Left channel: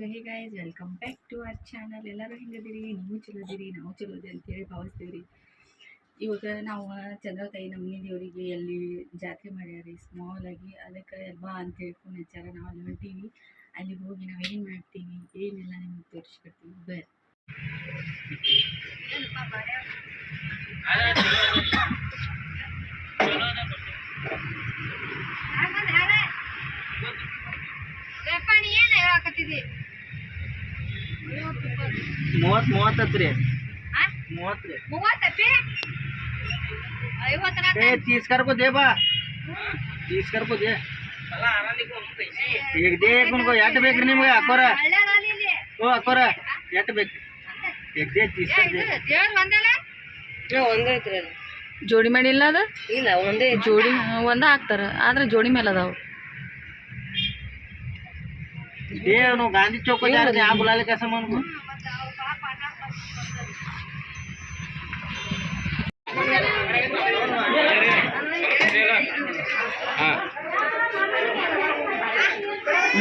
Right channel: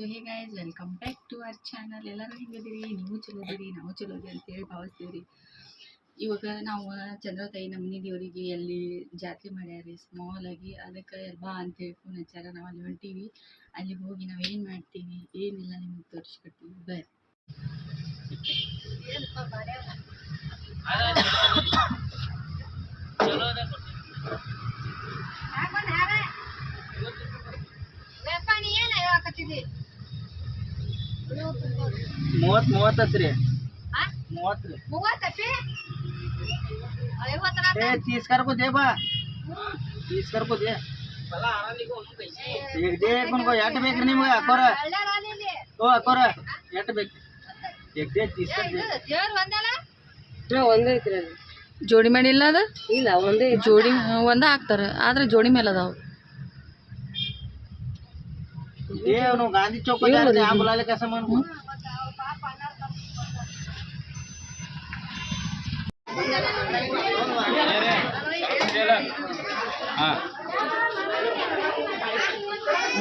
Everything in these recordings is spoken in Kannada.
So hey guys, welcome back to our channel. ಎಲ್ಲರೂ ಹೆಂಗದಿರಿ? ನೀವು ಚಲೋ ಇದೀರಿ, ನಾವು ಚಲೋ ಇದೆ ಅಂತೇಳಿ ಭಾವಿಸ್ತೀವಿ ರೀ. ಇವಾಗ ನಾವು ಚಂದ್ರತಾಯಿ ನಮ್ಮನೆ ದೇವರಿಗೆ ಅಲ್ಲಿ ಜಾತ್ರೆ ಮಾಡ್ಯಾರಿ ಸ್ಮಾಲ್ ಆಗಿ. ಅದಕ್ಕೆ ಬಾ ಅಂತೇಳಿ ಫೋನ್ ಹಚ್ಚಾರ. ನಾವು ಅಲ್ಲಿ ಹೊಂಟೀವಿ. ಅಲ್ಲಿಗೆ ಹೋಗಿ ನಾವು ಏನು ಮಾಡ್ತೀವಿ ಏನೆಲ್ಲ ನಿಮಗೆ ತೋರಿಸ್ಕೊಡ್ತೀವಿ ಬರ್ರಿ. ಮೂವತ್ತು ರೀ तीस कर को दे बा 30 कर को दे एक दे को एट बेक्री निಮಗೆ ಅಕೋರ ಓ ಅಕೋರ ಎಟ್ ಬೇಕು एक दे 30 कर दे ನಾ ಒಂದೇ ಐತ್ರಿ ಜೋಡಿ ಮಾಡಿಲ್ಲ ಅದು ಇಲ್ಲ ಒಂದೇ ಜೋಡಿ ಒಂದ ಹಾಕ್ತಾರ ಆದ್ರೆ ಜೋಡಿ ಮೇಲೆ ಅದಾವ ये नो गांधी चौक को जा रहे हैं आप बुला ले कैसा मन को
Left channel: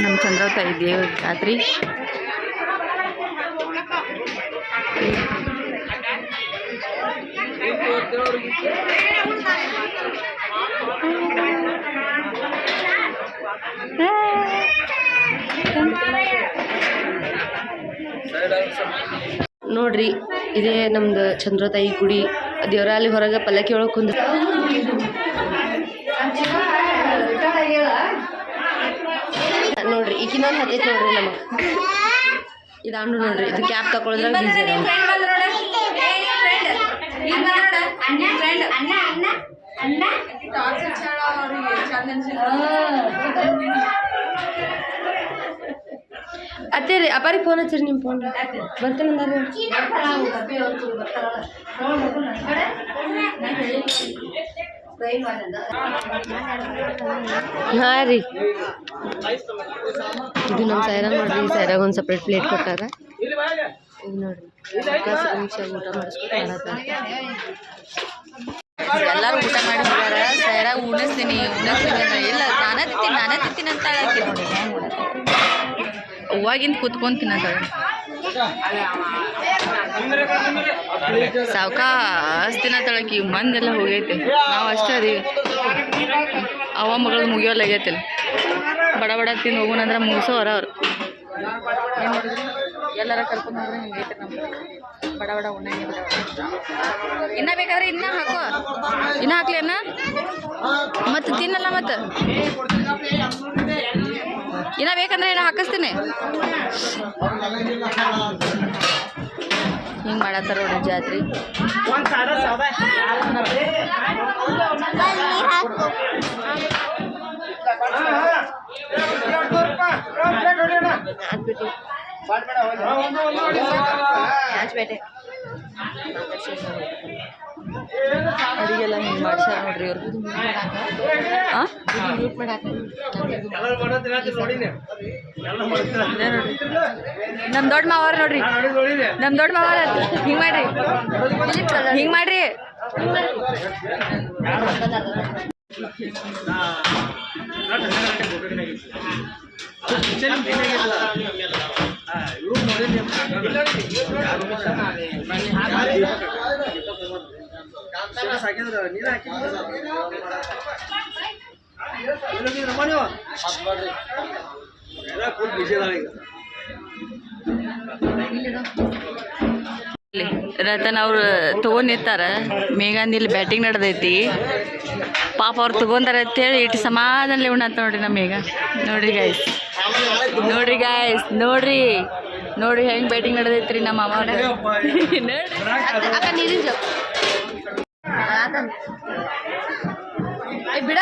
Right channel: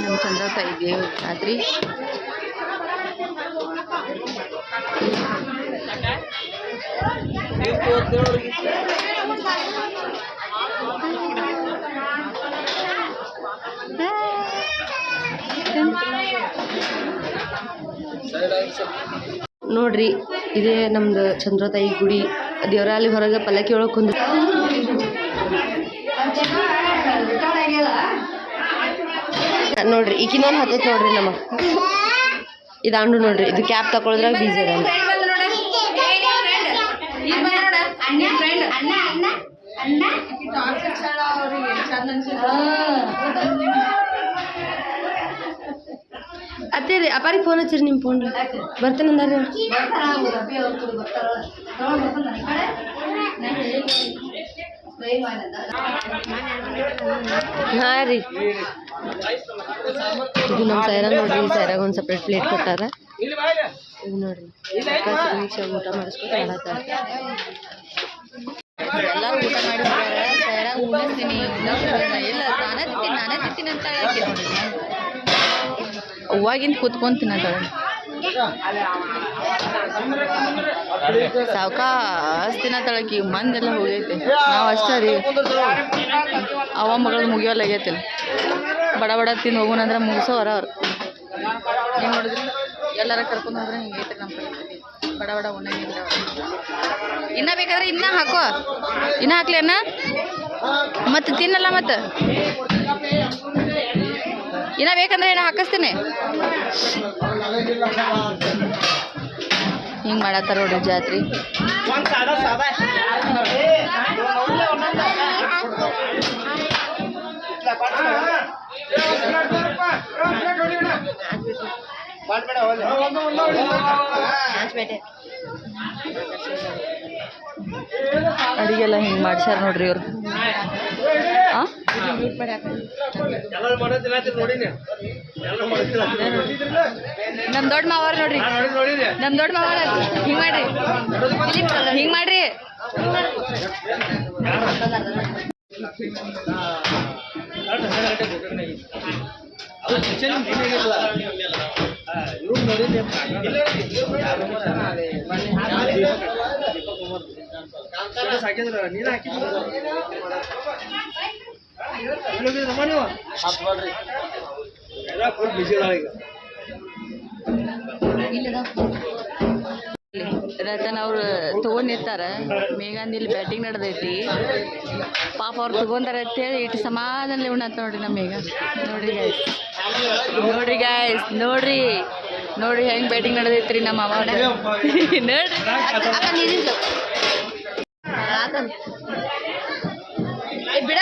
ನಮ್ಮ ಚಂದ್ರತಾಯಿ ದೇವ್ರ ಜಾತ್ರೆ. ನೋಡ್ರಿ ಇದೇ ನಮ್ದು ಚಂದ್ರತಾಯಿ ಗುಡಿ. ದೇವರ ಅಲ್ಲಿ ಹೊರಗೆ ಪಲ್ಲಕ್ಕಿ ಒಳಗೆ ಕುಂದ ನೋಡ್ರಿ ಈಗಿನೊಂದು ಹತ್ತೈತೆ ನೋಡ್ರಿ ನಮ್ಮ ಇದಾಂಡು ನೋಡ್ರಿ ಇದು ಕ್ಯಾಪ್ ತಗೊಳದ್ರಾಗ ಬೀಜ ಅದ ಅತ್ತೇ ರೀ ಅಪ್ಪಾರಿಗೆ ಫೋನ್ ಹಚ್ಚಿರಿ ನಿಮ್ಮ ಫೋನ್ ಬರ್ತಾನೆ ಹಾಂ ರೀ ಇದು ನಮ್ಮ ಸೈರಾಗ ನೋಡ್ರಿ. ಈ ಸೈರಾಗ ಒಂದು ಸಪ್ರೇಟ್ ಪ್ಲೇಟ್ ಕೊಟ್ಟಾರ. ಇದು ನೋಡ್ರಿ ಅಕ್ಕ ನಿಮಿಷ ಊಟ ಮಾಡಿಸ್ಕೊತ ಮಾಡತ್ತಾರ. ಎಲ್ಲರೂ ಊಟ ಮಾಡಿ ಹೋಗ್ಯಾರ. ಸೈರಾಗ ಉಣಿಸ್ತೀನಿ ಇಲ್ಲ ನಾನೇ ತಿಂತೀನಿ ಅಂತ ಹೇಳಕ್ಕೆ ನೋಡಿ. ಅವಾಗಿಂದ ಕೂತ್ಕೊಂತೀನಿ ಅಂತಾಳೆ. ಸಾವ್ಕಾಸ್ ತಿನ್ನತ್ತಳಕಿ. ಮಂದೆಲ್ಲ ಹೋಗೈತೆ, ನಾವು ಅಷ್ಟೇ ರೀ. ಅವ ಮಗಳು ಮುಗಿಯೋಲಾಗೈತೆ. ಬಡ ಬಡ ತಿಂದು ಹೋಗೋಣಂದ್ರೆ ಮುಗಿಸೋರ ಅವ್ರು. ಏನು ಮಾಡಿದ್ರಿ? ಎಲ್ಲಾರ ಕರ್ಕೊಂಡು ಹೋದ್ರೆ ಹಿಂಗೈತೆ ನಮ್ಮ ಪರಿಸ್ಥಿತಿ. ಬಡ ಬಡ ಉಣ್ಣಂಗೆ ಬಡ ಬಡ. ಇನ್ನೂ ಬೇಕಾದ್ರೆ ಇನ್ನೂ ಹಾಕೋ, ಇನ್ನೂ ಹಾಕ್ಲೇನ ಮತ್ತೆ ತಿನ್ನಲ್ಲ. ಮತ್ತೆ ಇನ್ನೂ ಬೇಕಂದ್ರೆ ಏನೋ ಹಾಕಿಸ್ತೀನಿ. ಹಿಂಗೆ ಮಾಡತ್ತಾರ ನೋಡ್ರಿ ಜಾತ್ರೆ. ಅವರಿಗೆಲ್ಲ ಹಿಂಗೆ ಮಾಡ್ಸ್ಯಾರ ನೋಡ್ರಿ ಅವ್ರು. ನಮ್ಮ ದೊಡ್ಡ ಮಾವಾರ ನೋಡ್ರಿ, ನಮ್ಮ ದೊಡ್ಡ ಮಾವಾರ ಹಿಂಗೆ ಮಾಡ್ರಿ, ಹಿಂಗೆ ಮಾಡ್ರಿ. ರತನ್ ಅವ್ರು ತೊಗೊಂಡಿರ್ತಾರ. ಮೇಘಾಂದ್ ಇಲ್ಲಿ ಬ್ಯಾಟಿಂಗ್ ನಡೆದೈತಿ. ಪಾಪ ಅವ್ರು ತೊಗೊಂಡಾರ ಅಂತೇಳಿ ಇಟ್ಟು ಸಮಾಧಾನಲೆ ಉಣ್ಣಂತ ನೋಡ್ರಿ ನಮ್ಮ ಮೇಘ. ನೋಡ್ರಿ ಗಾಯ್ಸ್, ನೋಡ್ರಿ ಹೆಂಗೆ ಬ್ಯಾಟಿಂಗ್ ನಡೆದೈತ್ರಿ ನಮ್ಮ ಅಮ್ಮ. ಬಿಡ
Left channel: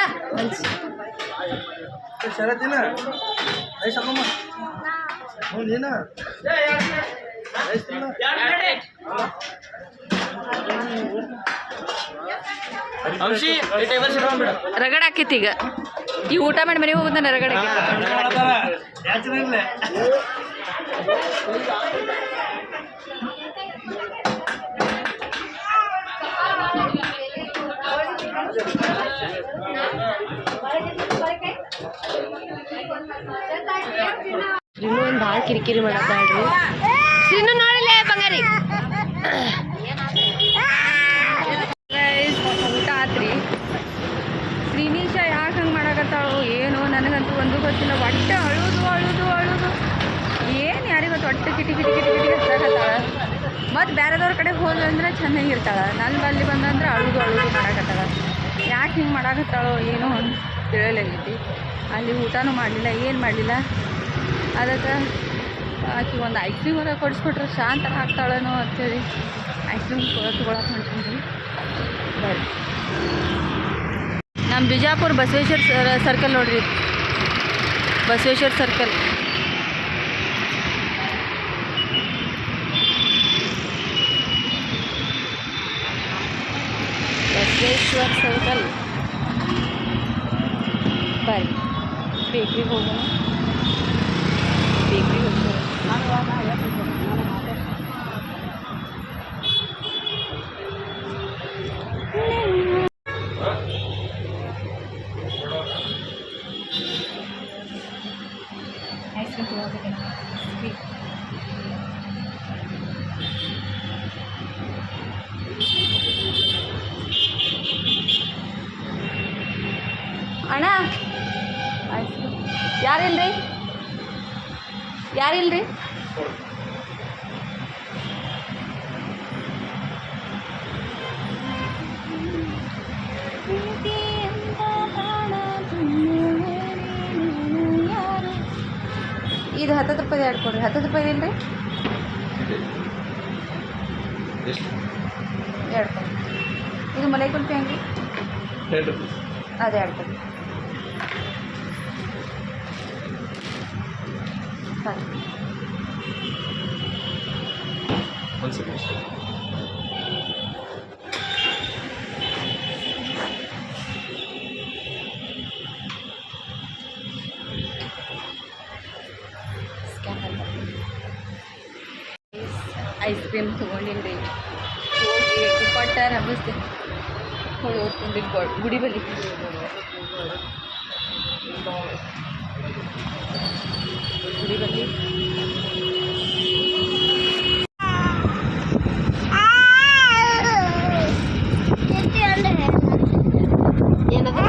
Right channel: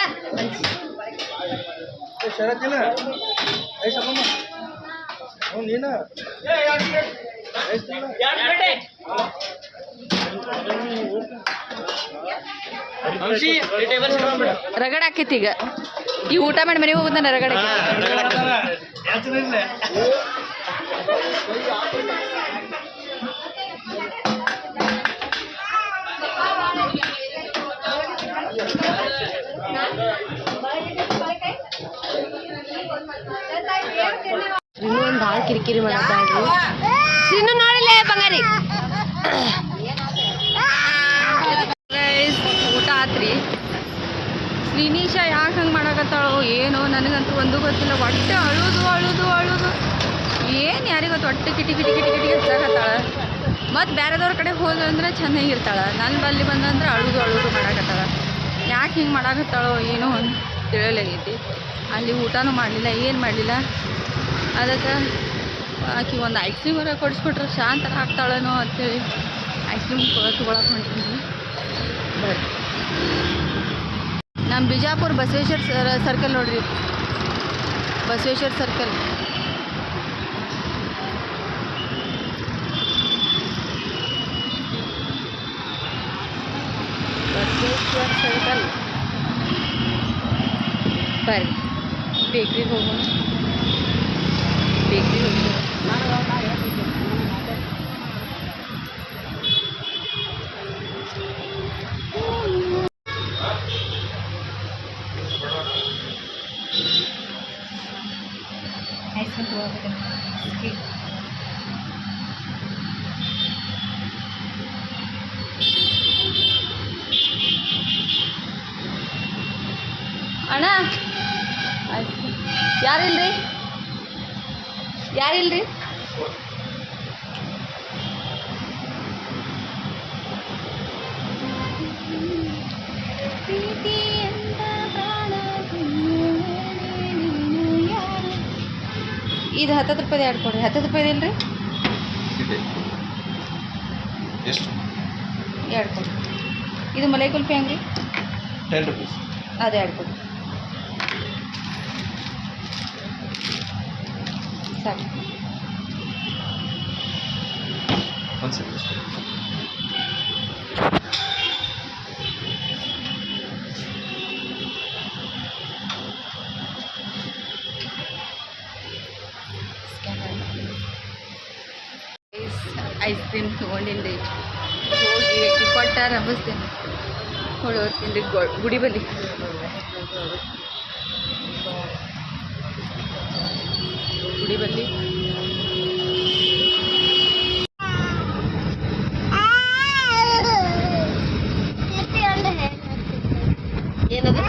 ರಗಡ ಆಕೈತಿ. ಈಗ ಈ ಊಟ ಮಾಡಿ ಮನೆಗೆ ಹೋಗುತ್ತಾನೆ ರಗಡ. ಇನ್ನೂ ಭಾಳ ಕಿರಿಕಿರಿ ಮಾಡತ್ತಾಳ್ರಿ ಸಿನ್ನು ನೋಡಿಲ್ಲ ಬಂಗಾರಿ ಊಟ ಆತ್ರಿ. ಶ್ರೀನಿಶ ಯಾಕೆ ಹಂಗೆ ಮಾಡಕತ್ತಾಳೋ ಏನೋ ನನಗಂತೂ ಒಂದು ಗೊತ್ತಿಲ್ಲ. ಒಟ್ಟು ಅಳುದು ಅಳುದು ಅಳುದು ಏನು ಯಾರಿಗೊತ್ತು ಒಟ್ಟು ಕಿಟಿ ಕಿಟಿ ಕಿಟಿ ಕಿಟಿ ಹಚ್ಚಾಕತ್ತಾಳ. ಮತ್ತು ಬೇರೆದವ್ರ ಕಡೆಗೆ ಹೋದಂದ್ರೆ ಚೆನ್ನಾಗಿರ್ತಾಳೆ. ನನ್ನ ಬಲ್ಲಿ ಬಂದಂದ್ರೆ ಅಳುದು ಅಳುದು ಮಾಡಕತ್ತಾಳ. ಯಾಕೆ ಹಿಂಗೆ ಮಾಡಕತ್ತಾಳೋ ಏನೋ ಅಂತ ತಿಳಿಯಲಾಗೈತಿ. ಅಲ್ಲಿ ಊಟನೂ ಮಾಡಲಿಲ್ಲ, ಏನು ಮಾಡಲಿಲ್ಲ. ಅದಕ್ಕೆ ಆಕೆ ಒಂದು ಐಸ್ ಕ್ರೀಮ್ ಹೊರ ಕೊಡಿಸ್ಕೊಟ್ರೆ ಶಾಂತರ ಆಗ್ತಾಳನೋ ಅಂಥೇಳಿ ಐಸ್ ಕ್ರೀಮ್ ತೊಗೊಳಕ್ಕೆ ಹೊಂಟೀನಿ. ಬರ್ರಿ, ನಮ್ಮ ಬಿಜಾಪುರ ಬಸವೇಶ್ವರ ಸರ್ಕಲ್ ನೋಡ್ರಿ, ಬಸವೇಶ್ವರ ಸರ್ಕಲ್. ಬಸವೇಶ್ವರ ಸರ್ಕಲ್ ಬರ್ರಿ, ಬೇಕ್ರಿಗೆ ಹೋಗೋಣ. ಬೇಕ್ರಿಗೆ ಹೋಗ್ತಾರೆ. ಐಸ್ ಕ್ರೀಮ್ ತೊಗೋಬೇಕಂತ ಅಣ್ಣ. ಐಸ್ ಕ್ರೀಮ್ ಯಾರಿಲ್ರಿ? ಯಾರಿಲ್ರಿ? ಇದು 10 ರೂಪಾಯಿದು ಎರಡು ಕೊಡ್ರಿ. 10 ರೂಪಾಯಿದು ಇಲ್ರಿ? ಎರಡು ಕೊಡ್ರಿ. ಇದು ಮಲೈ ಕುಲ್ಫಿ ಹಂಗೆ ಅದೇ ಎರಡು ಕೊಡ್ರಿ ಸಾಕು. ಐಸ್ ಕ್ರೀಮ್ ತೊಗೊಂಡಿನಿ ರೀ. ಹೋಗಿ ಅಕ್ಕಿ ಕೊಟ್ಟ ರಮಿಸ್ತೇನೆ, ಹೊಳಿ ಹೋಗ್ತೀನಿ ರೀ ಗುಡಿ ಬಲ್ಲಿ. ಗುಡಿ ಬಲ್ಲಿ ಏನದು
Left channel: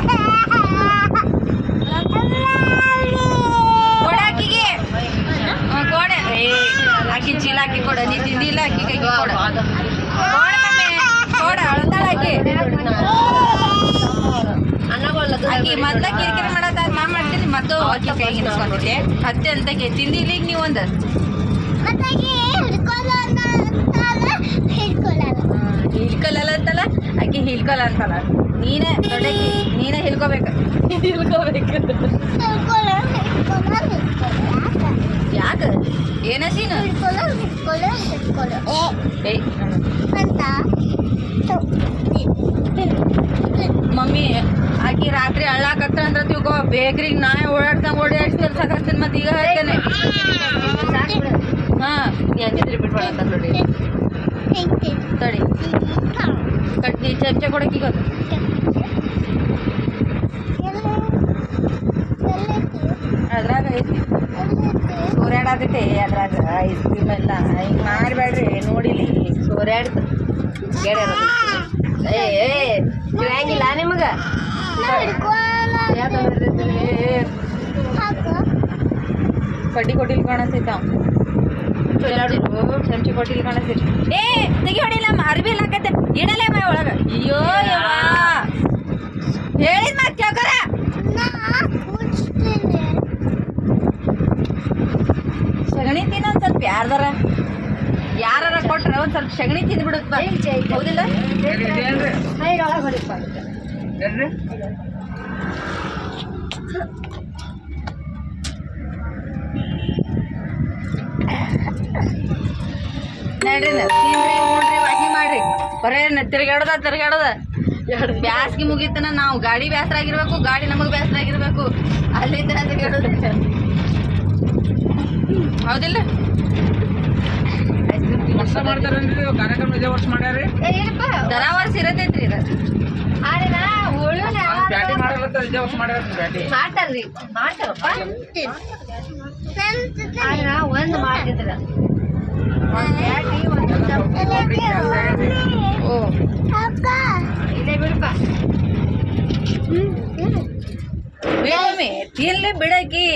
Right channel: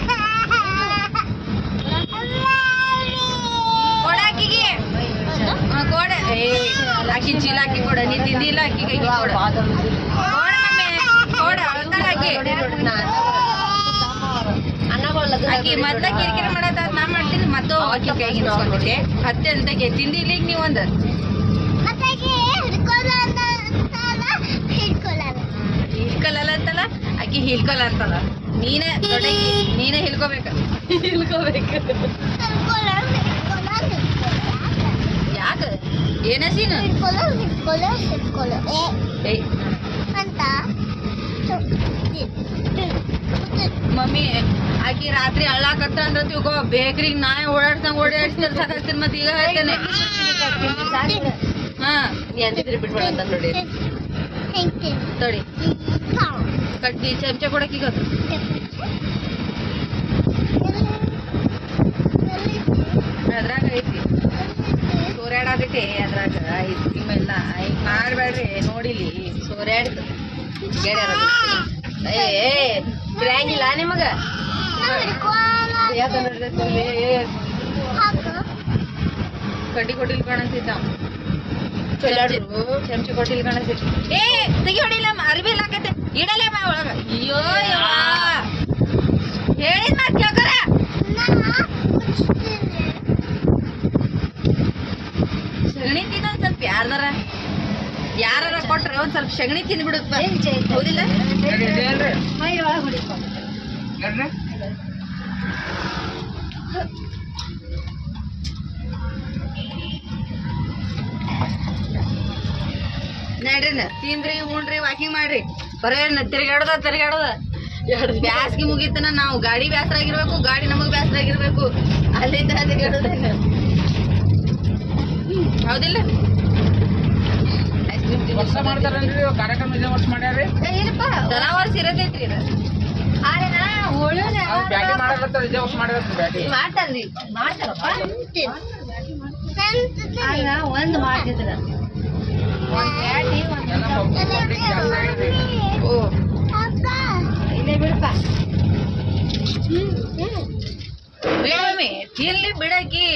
ಕೊಡಾಕಿಗೆ ಕೊಡ ಆಕಿ ಚೀಲ ಹಾಕಿ ಕೊಡ. ನೀ ತಿಂದಿಲ್ಲ ಆಕಿ ಕೈ ಕೊಡ. ಕೊಡ ಮಮ್ಮಿ ಕೊಡ. ಅಳ್ತಾಳಾಕಿ. ಆಕಿ ಮೊದ್ಲ ಕಿರಿಕಿರಿ ಮಾಡತ್ತ ನಾ ಮಾಡ್ತೀನಿ. ಮತ್ತು ಆಕಿ ಕೈಗೆ ಇಸ್ಕೊಂಡಿದ್ದೆ ಹತ್ತೆ ಅಂತಕ್ಕೆ ತಿಂದಿಲ್ಲ. ಈಗ ನೀವು ಒಂದು ಹಿಲ್ಕೊಲ್ಲ ಅಂತಲ್ಲ, ಆಕಿ ಹಿಲ್ಕೊಲ್ಲ ಅಂತಲ್ಲ. ನೀನೇ ದೊಡ್ಡಕಿ, ನೀನೇ ಹಿಲ್ಕೋಬೇಕು. ಯಾಕೆ ಏನ ಸೀನು? ಮಮ್ಮಿ ಆಕಿ ರಾತ್ರಿ ಅಳ್ಳಾಕತ್ರ ಅಂದ್ರೆ ತಿಳ್ಕೊ. ಬೇಕ್ರಿಗೆ ನಾ ಓಡಾಡ್ಸ್ತಾರೆ ಸಾಕಾಗ್ತೀನಿ. ಮತ್ತೆ ಈಗ ಹೇಳ್ತೇನೆ. ಹಾಂ ನೀ ಅಂದಿದ್ರೆ ಬಿಟ್ಬಿಡ ಅಂತ ನೋಡಿ. ತಡಿ ಕಟ್ಟಿ ಚಮಚ ಕೊಡಕ್ಕೀಗ ಅದ್ರಾಗ ಐತಿ. ಸೂರ್ಯಾಡಾಗೈತೆ ಅದ್ರಾಗ ಐಸ್ ಕ್ರೀಮ್ ಎಲ್ಲ. ಹಿಂಗೆ ಮಾಡಬೇಡ್ರಿ. ನೋಡಿಲಿ ಸೂರ್ಯಾಡ್ತು ಬಿಡಂಗಿಲ್ಲ ನಿಮಗ. ಯಾಕಂದ್ರೆ ಕಡ್ಡಿ ಕೊಟ್ಟಿಲ್ ಕಾಣತೈತ. ಚಮಚಿ ಕೊಟ್ಟಿಲ್ ಕಾಣತೈತಿ. ಏ ತೆಗಿ ಹೊಡಿಲ್ಲ, ಅರ್ಬಿ ಎಲ್ಲ ಹಾಕೈತೆ. ಇಡಲೇ ಬಾ ಒಳಗ. ಅಯ್ಯೋ ಹೇಳಿದ ಮಾತು ಕೇಳ್ಕರ. ಸಗಣಿ ತಿನ್ನೊಂದು ಸ್ವಲ್ಪ ಯಾರ ಕೊಟ್ರೆ ಒಂದು ಸ್ವಲ್ಪ ಸಗಣಿ ತಿಂದ್ಬಿಡುತ್ತ. ಹೌದಿಲ್ಲ? ನಡ್ರಿ ತಿನ್ರಿ ಉಣ್ರಿ ವಾಕಿಂಗ್ ಮಾಡ್ರಿ. ಬರೇ ತಿರ್ಗಾಡೋದ. ಬ್ಯಾಸ್ಗಿ ಮುಗೀತನ ನಾವು ಗಾಡಿ ಬ್ಯಾಸರ ಆಗಿರ್ಬೇಕು, ಗಾಡಿ ನಮಗೆ ಬ್ಯಾಸರ ಆಗಿರ್ಬೇಕು. ಅಲ್ಲಿಂದ ತಿರ್ಗಾಡೋದ. ಹೌದಿಲ್ಲ? ಐಸ್ ಕ್ರೀಮ್ ದರಾವರ್ಸ್ ಇರತೈತ್ರಿ ಇದು. ಮಾಡ್ತಾರ್ರಿ ಮಾಡ್ತಾರಪ್ಪ. ಒಂದು ಮಾಡ್ತಿದ್ರ ಓ ಇಲ್ಲೇ ಬಿಡಪ್ಪ ತಿನ್ಲಿ ಬಿಡಕಿ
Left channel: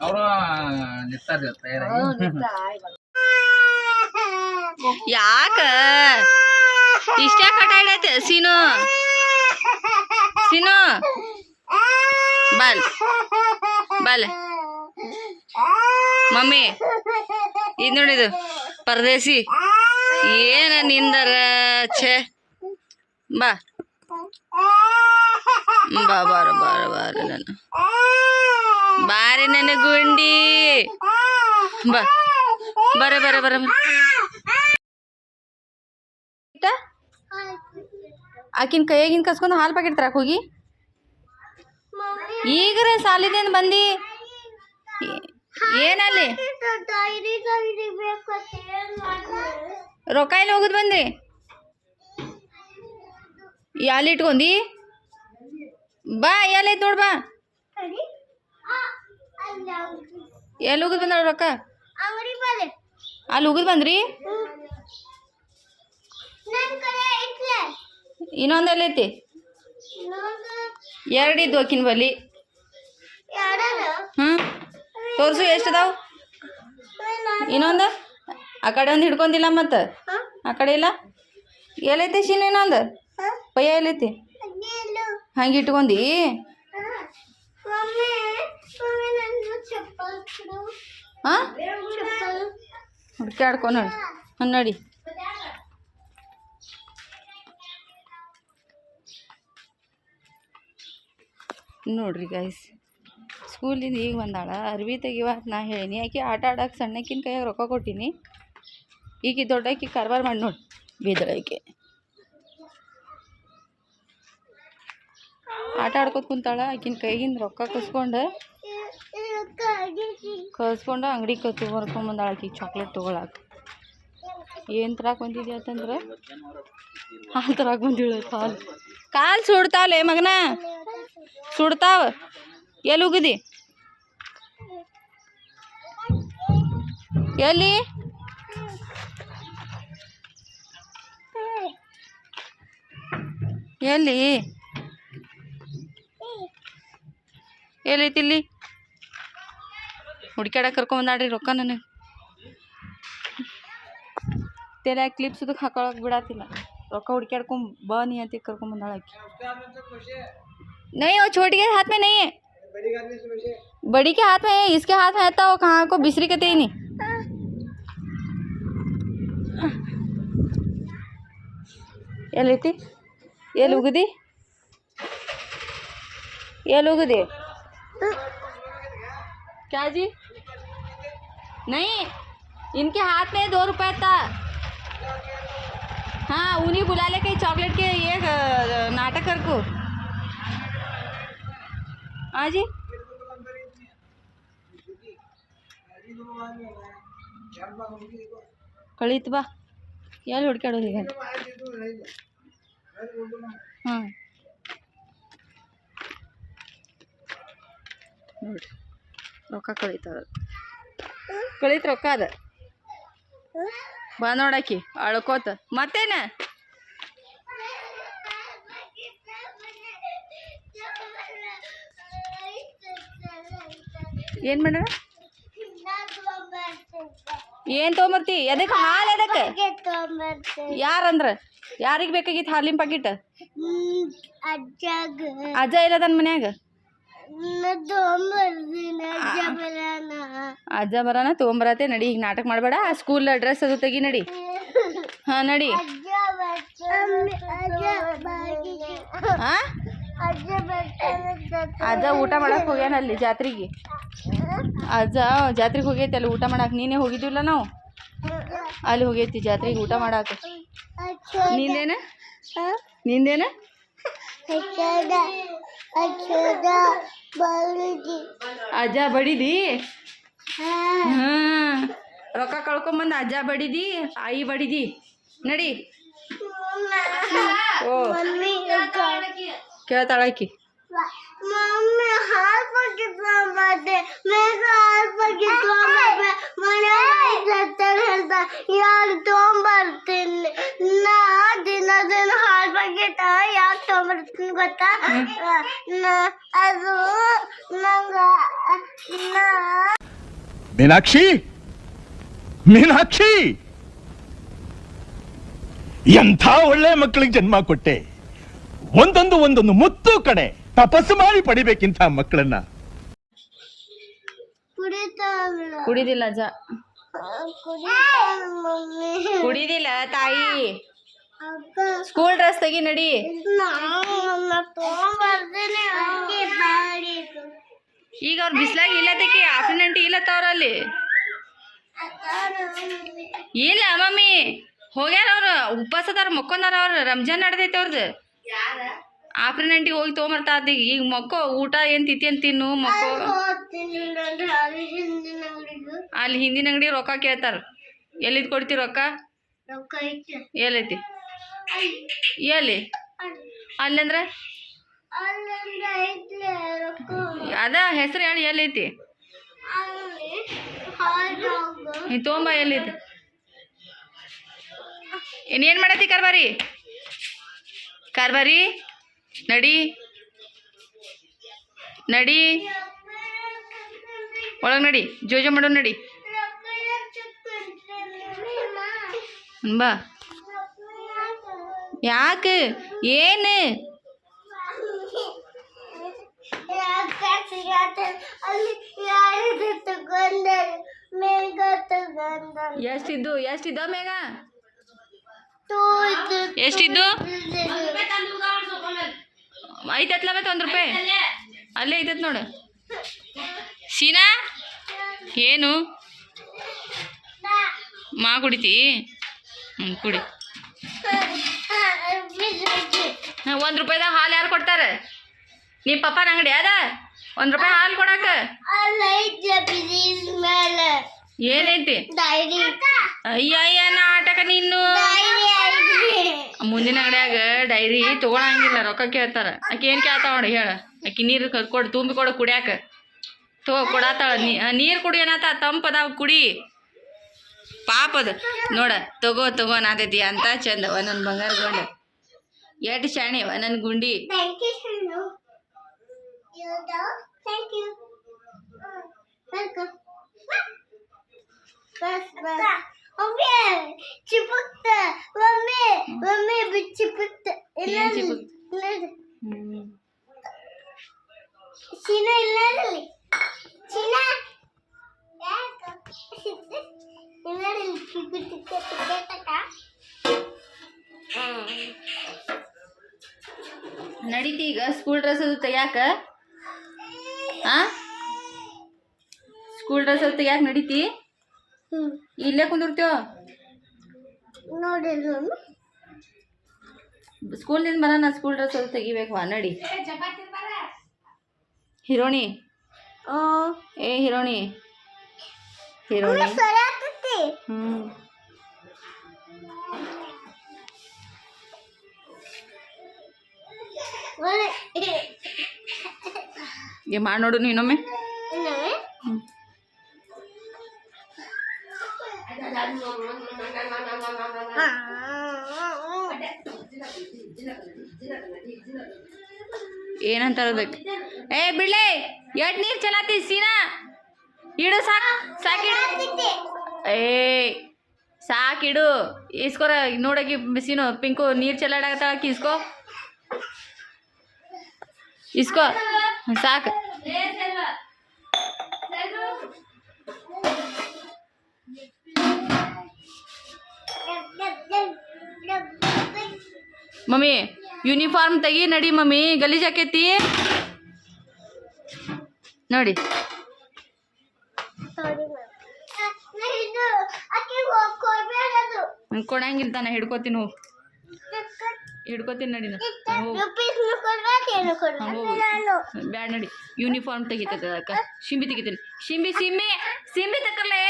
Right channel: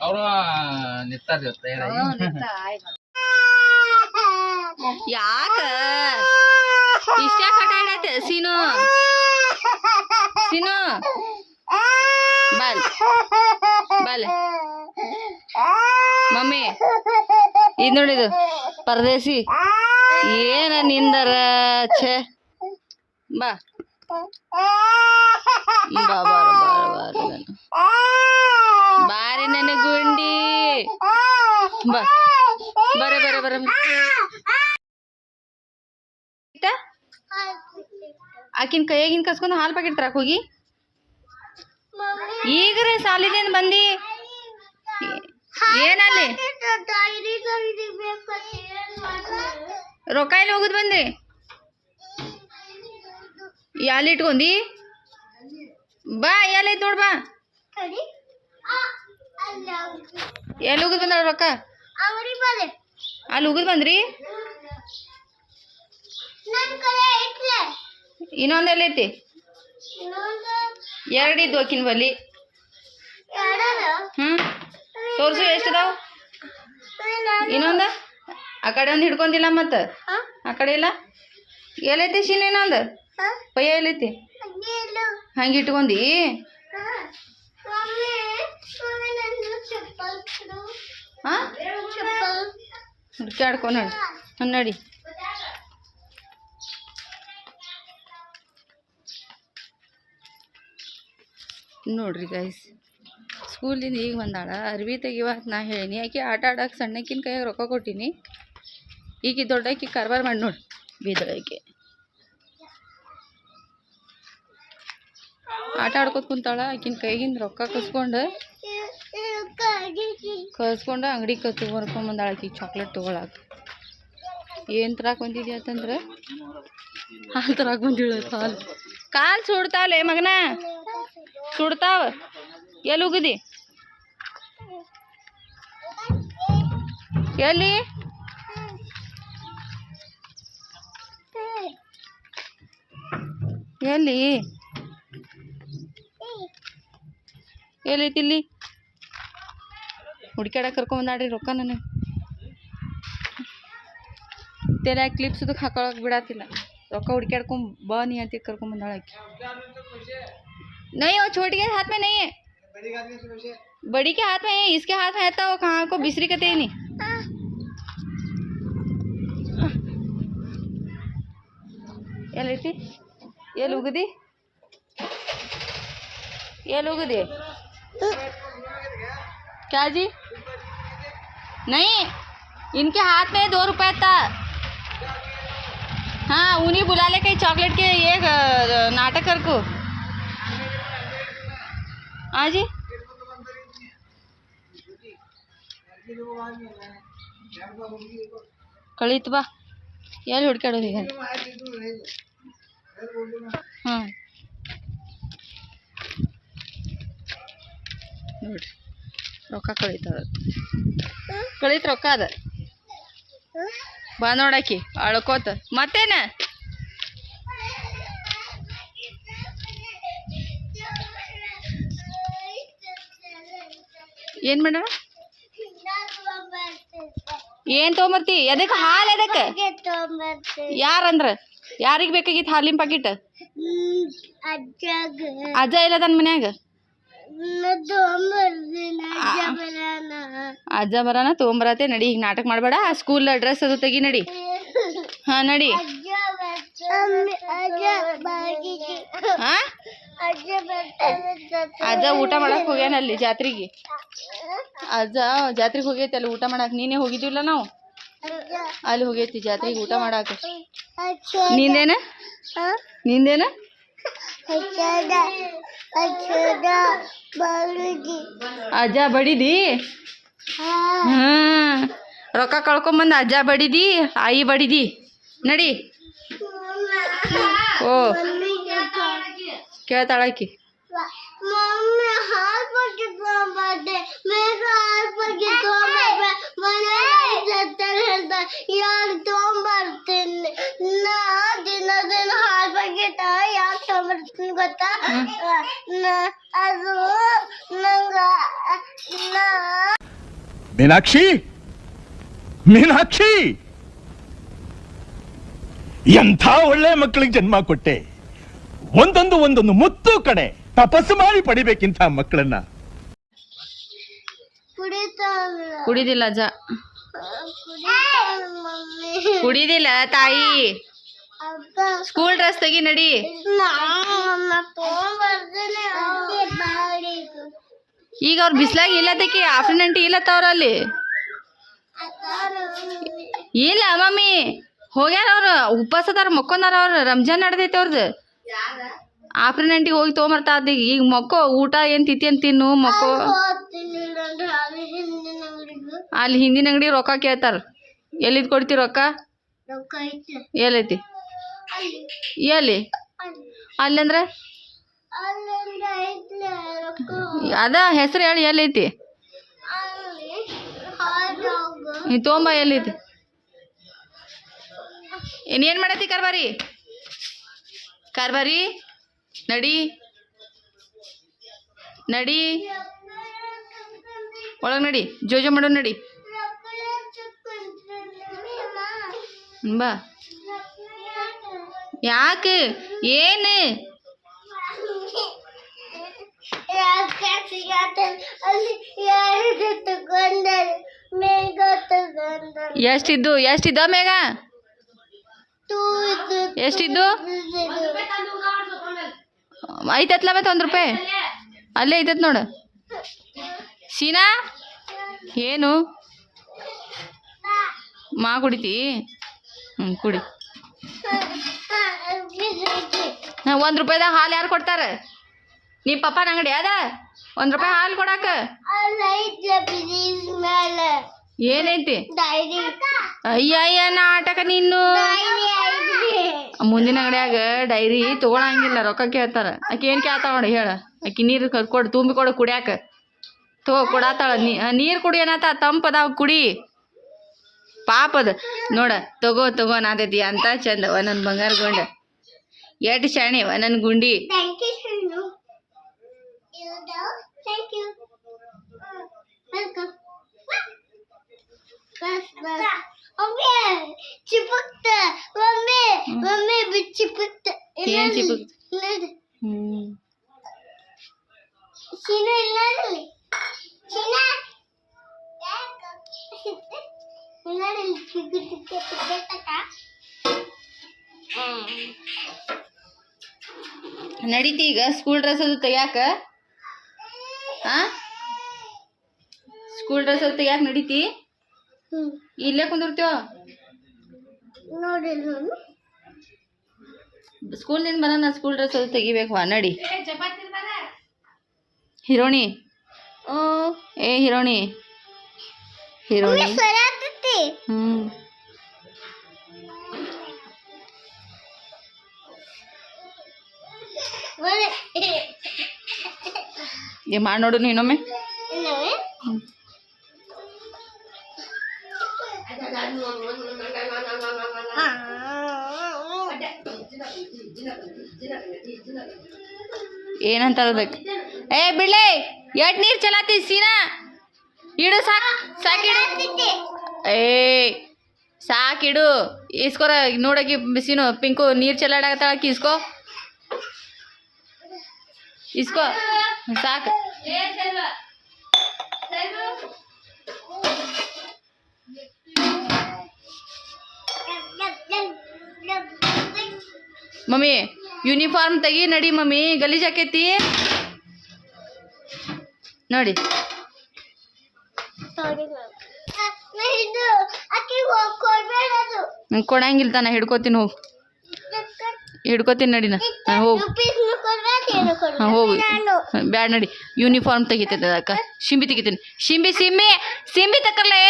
ಅವರು ನಿಂತಾರ ಯಾಕ ಇಷ್ಟ ಕಟ ಹಿಡೈತೆ ಸೀನು ಸೀನು ಬಾಲ್ ಬಾಲ್ ಮಮ್ಮಿ ಇದು ನೋಡಿದು ಪರದೇಸಿ ಏನ ನಿಂದರ ಛೇ ಬಾ ಬಾ ಬಾರ ಬಾರ ಬಾರ ನಾನು ಬಾರಿ ನನ್ನ ಗುಂಡಿ ಬಾ ಬರ ಬರ ಬರ ಆಕಿನ ಕೈಯಾಗಿನ ಕಸ್ಕೊಂಡು ಹಾಲು ಪ್ಯಾಕೆಟ್ ತರಕ್ ಹೋಗಿ ಈಗ್ರೆ ಸಾಲಿನಿಂದ ಬಂದಿ ಏನಲ್ಲಿ ರೊಕ್ಕ ಇಲ್ಲಿ ಹೋಗುದು ಬಂದ್ರಿ ಎಲ್ಲಿ ಇಟ್ಕೊಂಡಿ ಬಾ ಎಲ್ಲೈತ್ ನೋಡ್ ಬಾ ಎಲ್ಲಿ ಹೋಗುದು ಬಂದ್ರ ರೊಕ್ಕ ಅಲ್ಲಿ ಹೋಗುದು ಬಂದ್ರಿ ಇನ್ನೊಂದು ಎಲ್ಲೈತಿ ಎರಡು ಇದ್ದು ಆಕಿನ ಬಲ್ಲಿ ತೋರ್ಸು ಎಷ್ಟು ಅದಾವ ಇನ್ನೊಂದು ಆ ಕಡೆ ಒಂದು ಹಿಡ್ಕೊಂದಿಲ್ಲ ಮತ್ತು ಆ ಕಡೆ ಇಲ್ಲ ಎಲ್ಲೈತಿ ಶೀಲ ಇನ್ನೊಂದು ಪಯ್ಯ ಎಲ್ಲೈತಿ ಹಂಗೆ ಇಟ್ಕೊಂಡಿ ಹಾಂ ಹುಡ್ಕ್ಯಾಡ್ಕೊ ನೋಡಿ ನೋಡಿ ನೋಡ್ರಿ ಗೈಸ್ ಸ್ಕೂಲಿಂದ ಈಗ ಬಂದಾಳ ಅರ್ವಿ ತೆಗಿವಾತ್ ನಾ ಹೇಳೀನಿ ಆಕೆ ಆಟ ಆಡಕ್ಕೆ ಸಣ್ಣಕ್ಕಿನ ಕೈಯಾಗ ರೊಕ್ಕ ಕೊಟ್ಟೀನಿ ಈಗ ದೊಡ್ಡಾಕಿ ಕಾರ್ಬಾರ್ ಮಾಡಿ ನೋಡಿ ಬೀದಳಾಕಿ ಆಟ ಆಡ್ಕೊತ ಕುಂತಾಳ ಆಕಿನ ಕೈಗಿಂದ ರೊಕ್ಕ ಕಸ್ಕೊಂಡು ಅಂಗಡಿ ತೊಗೊಂಬಂದಾಳ ಆಕಿಗೆ ಚಾಕ್ಲೇಟ್ ತೊಗೊಳಕ್ಕೆ ಏನು ತರಕ್ಕೆ ಬಂದಿದ್ಯಾ ಅಂತಂದ್ರೆ ಹಾಲು ತರಕ್ಕೆ ಬಂದಿಳ ಹಾಲು ಕಾಲು ಸುಡ್ತಾವಲೆ ಮಗನ ಸುಡ್ತಾವ ಎಲ್ಲಿ ಹೋಗುದಿ ಎಲ್ಲಿ ಎಲ್ಲಿ ಎಲ್ಲೈತಿ ಇಲ್ಲಿ ಹುಡ್ಕ್ಯಾಡಕ್ಕೆ ಕರ್ಕೊಂಬಂದಾಡ್ರಿ ರೊಕ್ಕ ನನಗೆ ತೆಲೆ ಕ್ಲಿಪ್ಸ್ ಅದಕ್ಕೆ ಹಾಕೊಳಕ್ಕೆ ಬಿಡಾತಿಲ್ಲ ರೊಕ್ಕ ಹುಡ್ಕ್ಯಾಡ್ಕೊಂಡ್ ಬಾ ನೀ ಅಂತ ಕರ್ಕೊಂಬಂದಾಳ ಆಕಿ नहीं वो छोटी के हाथ में नहीं है बड़ी के हाथ में है इसके हाथ में आता वो कहाँ को बिसरी कहते ही नहीं ये लेती ये लुगदी क्या जी नहीं इनके हाथ में 2 रुपए था हाँ उन्हीं बुला ले कहीं चॉकलेट के ये नाटक कर को हाँ जी ಕಳೀತು ಬಾ ಎಲ್ಲಿ ಹುಡ್ಕಾಡೋದು ಈಗ ಹಾಂ ನೋಡ್ರಿ ರೊಕ್ಕ ಕಳೀತು ರೊಕ್ಕ ಅದ ಬಾ ನೋಡಾಕಿ ಅಳ್ಕೋತ ಮತ್ತೇನ ಏನು ಮೇಡಮ್ ಏನು ತೊಗೊಂಬರ್ತಿ ಎದಕ್ಕೆ ಹಾಲು ಎದಕ್ಕೆ ಯಾರಂದ್ರ ಯಾರಿಗೆ ಬೇಕಾಗಿತ್ತು ಹಾಲಿನ ಪ್ಯಾಕೆಟ್ ಅಜ್ಜ ಇಲ್ಲ ತನ್ನ ಮನ್ಯಾಗ ಅಜ್ಜ ಬರಾನ ತೊಗೊಂಬರತ್ತೆ ನಡಿ ಈಗ ನಾಟಕ ಮಾಡಬೇಡ ಸ್ಕೂಲ್ ಡ್ರೆಸ್ ಅದು ತೆಗಿ ನಡಿ ಹಾಂ ನಡಿ ಹಾಂ ಅಜ್ಜ ಊಟ ಮಾಡಕ್ಕೆ ಹೋಗ್ಯಾನ ಅಲ್ಲಿ ಜಾತ್ರೆಗೆ ಅಜ್ಜ ಜಾತ್ರೆಗೆ ಹೋಗೈತಿ ಅಲ್ಲಿ ಊಟ ಮಾಡಕ್ಕೆ ನೀನೇ ಹೋಗಿದ್ವಿಲ್ಲ ನಾವು ಅಲ್ಲಿ ಹೋಗೈತಿ ಜಾತ್ರೆಗೆ ಊಟ ಮಾಡಕ್ಕೆ ನಿಂದೇನ ಅಜ್ಜ ಬಡಿದಿ ರೊಕ್ಕ ಕಳ್ಕೊಂಬಂದು ಅಜ್ಜ ಬಡಿದಿ ಆಯಿ ಬಡಿದಿ ನಡಿ. ಓ ಕೇಳ್ತಾಳಾಕಿ. ಮಮ್ಮಿ ಹಾಲು ಪ್ಯಾಕೆಟ್ ತಗೊಂಬರ್ತೆ, ಬೇಗ ಹಾಲು ಪ್ಯಾಕೆಟ್ ತಗೊಂಬರ್ತೆ, ಮನೆಯಲ್ಲಿ ಹೇಳ್ತಾ ಯಾರು ತಗೊಂಬರ್ತೀನಿ. ನಾ ದಿನ ಹಾಲು ಪ್ಯಾಕೆಟ್ ಯಾಕೆ ತಗೊಂಬರ್ತೀನಿ ಗೊತ್ತಾ? ಅದು ನಂಗೆ ಮೀನಾಕ್ಷಿ, ಮೀನಾಕ್ಷಿ, ಎಂಥ ಒಳ್ಳೆ ಮಕ್ಕಳಿಗೆ ಜನ್ಮ ಕೊಟ್ಟೆ. ಒಂದೊಂದು ಮುತ್ತು ಕಣೆ. ತಪಸ್ಸು ಮಾಡಿ ಪಡಿಬೇಕಿಂತ ಮಕ್ಕಳನ್ನ. ಕುಡಿದಿಲ್ಲ ಅಜ್ಜ, ಕುಡಿದಿಲ್ಲ ತಾಯಿ. ಸ್ಕೂಲ್ ಡ್ರೆಸ್ ತೆಗಿ ನಡಿ. ಈಗ ಅವ್ರು ಬಿಸ್ಲಾಗ ಇಲ್ಲದಕ್ಕೆ ಆಫ್ಟರ್ನೂನ್ ಇಲ್ಲತ್ತವ್ರ ಅಲ್ಲಿ ಇಲ್ಲ ಮಮ್ಮಿ ಹೋಗ್ಯಾರ ಅವ್ರು. ಉಪವಾಸದಾರ ಮಕ್ಕೊಂದಾರ ಅವ್ರು. ರಂಜಾನ್ ನಡೆದೈತೆ ಅವ್ರದ್ದು. ಆಫ್ಟರ್ನೂನ್ಟಿಗೆ ಹೋಗಿ ತೊಗೊಂಬರ್ತಾ ಇದ್ದ. ಈಗ ಮಕ್ಕೋ ಊಟ ಏನು ತಿತ್ತಿ ಅಂತ ತಿನ್ನು ಮಕ್ಕೋ. ಅಲ್ಲಿ ಹಿಂದಿನ ಅಂಗಡಿ ರೊಕ್ಕ ಕೇಳ್ತಾರ. ಎಲ್ಲಿದ್ ಕೊಡ್ತಿ ರೊಕ್ಕ? ಎಲ್ಲೈತಿ? ಎಲ್ಲಿ? ಅಲ್ಲಂದ್ರೆ ಅದ ಹೆಸರು ಹೇಳಿ ಎಲ್ಲೈತಿ? ನೀ ತೊಗೊಂಬ. ಎಲ್ಲೈತಿ? ಇನ್ನೇನು ಮಾಡತ್ತಿ ಕಾರ್ಬಾರಿ? ಕಾರ್ಬಾರಿ ನಡಿ ನಡಿ ಒಳಗೆ ನಡಿ. ಜೋಜೋ ಮಾಡೋ ನಡಿ ಬಾ. ಯಾಕೆ? ಏನು? ಎಷ್ಟಿದ್ದು ಮೇಘ? ಎಷ್ಟಿದ್ದು? ಐತತ್ಲ ಮತ್ತೆ ₹1 ಅಲ್ಲೇ ಐತತ್ ನೋಡು. ಸೀನಾ ಏನು ಮಾ ಕುಡಿತಿ? ಕುಡಿ. ₹1 ಹಾಲು ಯಾರು ಕೊಡ್ತಾರೆ? ನಿಮ್ಮ ಪಪ್ಪನ ಅಂಗಡಿ ಅದ ₹1 ಹಾಲು ಕೊಡಾಕ? ಏನೈತಿ? ಅಯ್ಯ ನಾಟಕ ನೀನು. ಮುಂದಿನ ಅಂಗಡಿಯಾಗ ಡೈರಿ ತೊಗೊಳಂಗಿಲ್ಲ, ರೊಕ್ಕ ಕೇಳ್ತಾರ. ಆಕೆ ಏನು ಕೇಳ್ತಾಳ ನೋಡಿ ಹೇಳ. ಆಕೆ ನೀರು ಕೊಡು, ತುಂಬಿ ಕೊಡು ಕುಡಿಯಾಕ. ಕೊಡಾತಾಳ. ನೀರು ಕುಡಿ ಏನತ್ತ ತಂಪದಾವ ಕುಡಿ. ಪಾಪದ ನೋಡ. ತಗೋ ನಾದೈತಿ ಅಂತ ಚಂದವ ನನ್ನ ಬಂಗಾರ ಗೊಂಡ. ಎಷ್ಟು ಶಾಣಿವ ನನ್ನ ಗುಂಡಿ. ನಡೀತಿ ಈಗ ಸ್ಕೂಲ್ ಡ್ರೆಸ್ ಅದು ತೆಗ್ಯಾಕ. ಸ್ಕೂಲ್ ಡ್ರೆಸ್ ಅದು ತೆಗ್ಯಾಕ ನಡೀತಿ. ಇಲ್ಲೇ ಕುಂದಿರ್ತೀವ. ಸ್ಕೂಲ್ನಿಂದ ಬರೋಣ. ಸ್ಕೂಲ್ ಡ್ರೆಸ್ ಅದು ತೆಗಿಬೇಕು. ನಡಿ ಹಿರೋಣಿ. ಏ ಹಿರೋಣಿ ಮಾಡಿ ನೋಡು ನೀನೊಮ್ಮೆ. ಏನಂತಾರ ಅದಕ್ಕೆ? ಏ ಬಿಡ್ಲೆ ಎಟ್ ನೀರು ಚಲಾತಿ ಸೀನಾ ಇಡು. ಸಾಕಿಡು. ಸಾಕಿಡು. ಇಸ್ಕೊರ ನೋಡಕಿ ಬಿಸಿನು ಪಿಂಕು ನೀರು ಚಲಾಡಕತ್ತಾಳಕಿ. ಇಸ್ಕೋ ಸಾಕು. ಮಮ್ಮಿ ಯೂನಿಫಾರ್ಮ್ ತೆಗಿ ನಡಿ. ಮಮ್ಮಿ ಗಲೀಜ್ ಆಕೈತಿ ನೋಡಿ. ಕೊಡಂಗಿಲ್ಲ ತಾನ. ಹಿಡ್ಕೋತೀನಿ ಹೋಗು. ಹಿಡ್ಕೋತೀನಿ ನಡಿನ. ಹೋಗು ಹೋಗು. ಬ್ಯಾಡ ನಡಿ. ಯೂನಿಫಾರ್ಮ್ ತೆಗಿತೈತೆ ಅಕ್ಕ. ಶಿಂಬಿ ತೆಗಿತೀನಿ. ಶಿಂಬಿ ತಕ್ಕಲ್ಲೇ.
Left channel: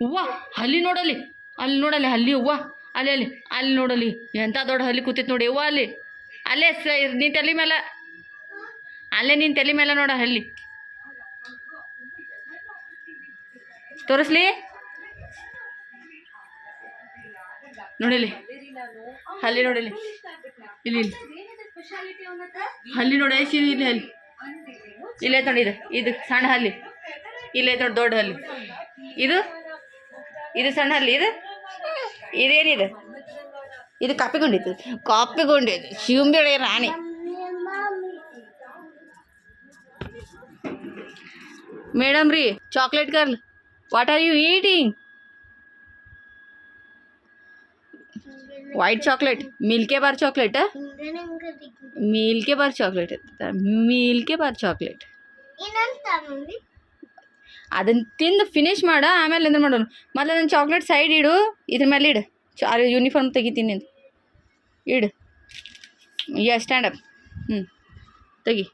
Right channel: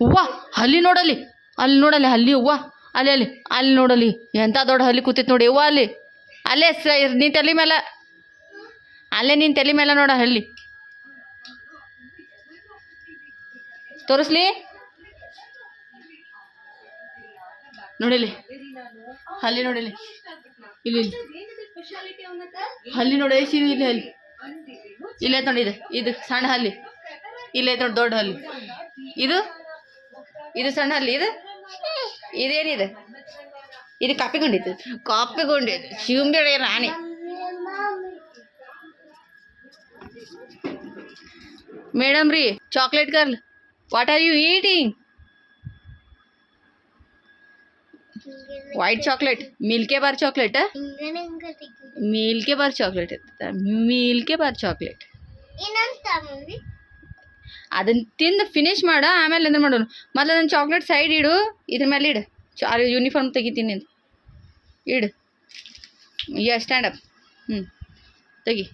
ಹೂವ ಹಲ್ಲಿ ನೋಡಲ್ಲಿ, ಅಲ್ಲಿ ನೋಡಲ್ಲಿ ಹಲ್ಲಿ ಹೂವ, ಅಲ್ಲಿ ಅಲ್ಲಿ ಅಲ್ಲಿ ನೋಡಲ್ಲಿ ಎಂಥ ದೊಡ್ಡ ಹಲ್ಲಿ ಕೂತೈತೆ ನೋಡಿ ಹೂವ ಅಲ್ಲಿ, ಅಲ್ಲೇ ನಿನ್ನ ತಲೆ ಮೇಲೆ, ಅಲ್ಲೇ ನಿನ್ನ ತಲೆ ಮೇಲೆ ನೋಡ ಹಲ್ಲಿ. ತೋರಿಸ್ಲಿ ನೋಡಿಲಿ ಹಲ್ಲಿ, ನೋಡಿಲಿ ಇಲ್ಲಿ ಹಲ್ಲಿ ನೋಡಿ ಇಲ್ಲಿ ಹಲ್ಲಿ ಇಲ್ಲೇ ನೋಡಿ, ಇದು ಸಣ್ಣ ಹಲ್ಲಿ, ಇಲ್ಲೇ ನೋಡಿ ದೊಡ್ಡ ಹಲ್ಲಿ, ಇದು ಸಣ್ಣ ಹಲ್ಲಿ, ಇದೇನಿದೆ, ಇದು ಕಾಪಿಗೊಂಡಿತ್ತು, ಶಿವಂಬಿ ರಾಣಿ. ಮೇಡಮ್ ರೀ chocolate girl, what are you eating? White chocolate, milky bar chocolate, milky bar chocolate milky bar chocolate. ಅದನ್ನ ತಿಂದು ಫಿನಿಶ್ ಮಾಡ, ಆಮೇಲೆ ಎಂದ್ರೆ ಮಾಡೋನು. ಮೊದಲು ನನ್ನ ಚಾಕ್ಲೇಟ್ ಸೈಡ್ ಇಡು, ಇದ್ರ ಮೇಲೆ ಇಡು, ಯೂನಿಫಾರ್ಮ್ ತೆಗಿತೀನಿ ಅಂತ ಇಡು. ಸ್ಟ್ಯಾಂಡ್ ಅಪ್, ತೆಗಿ.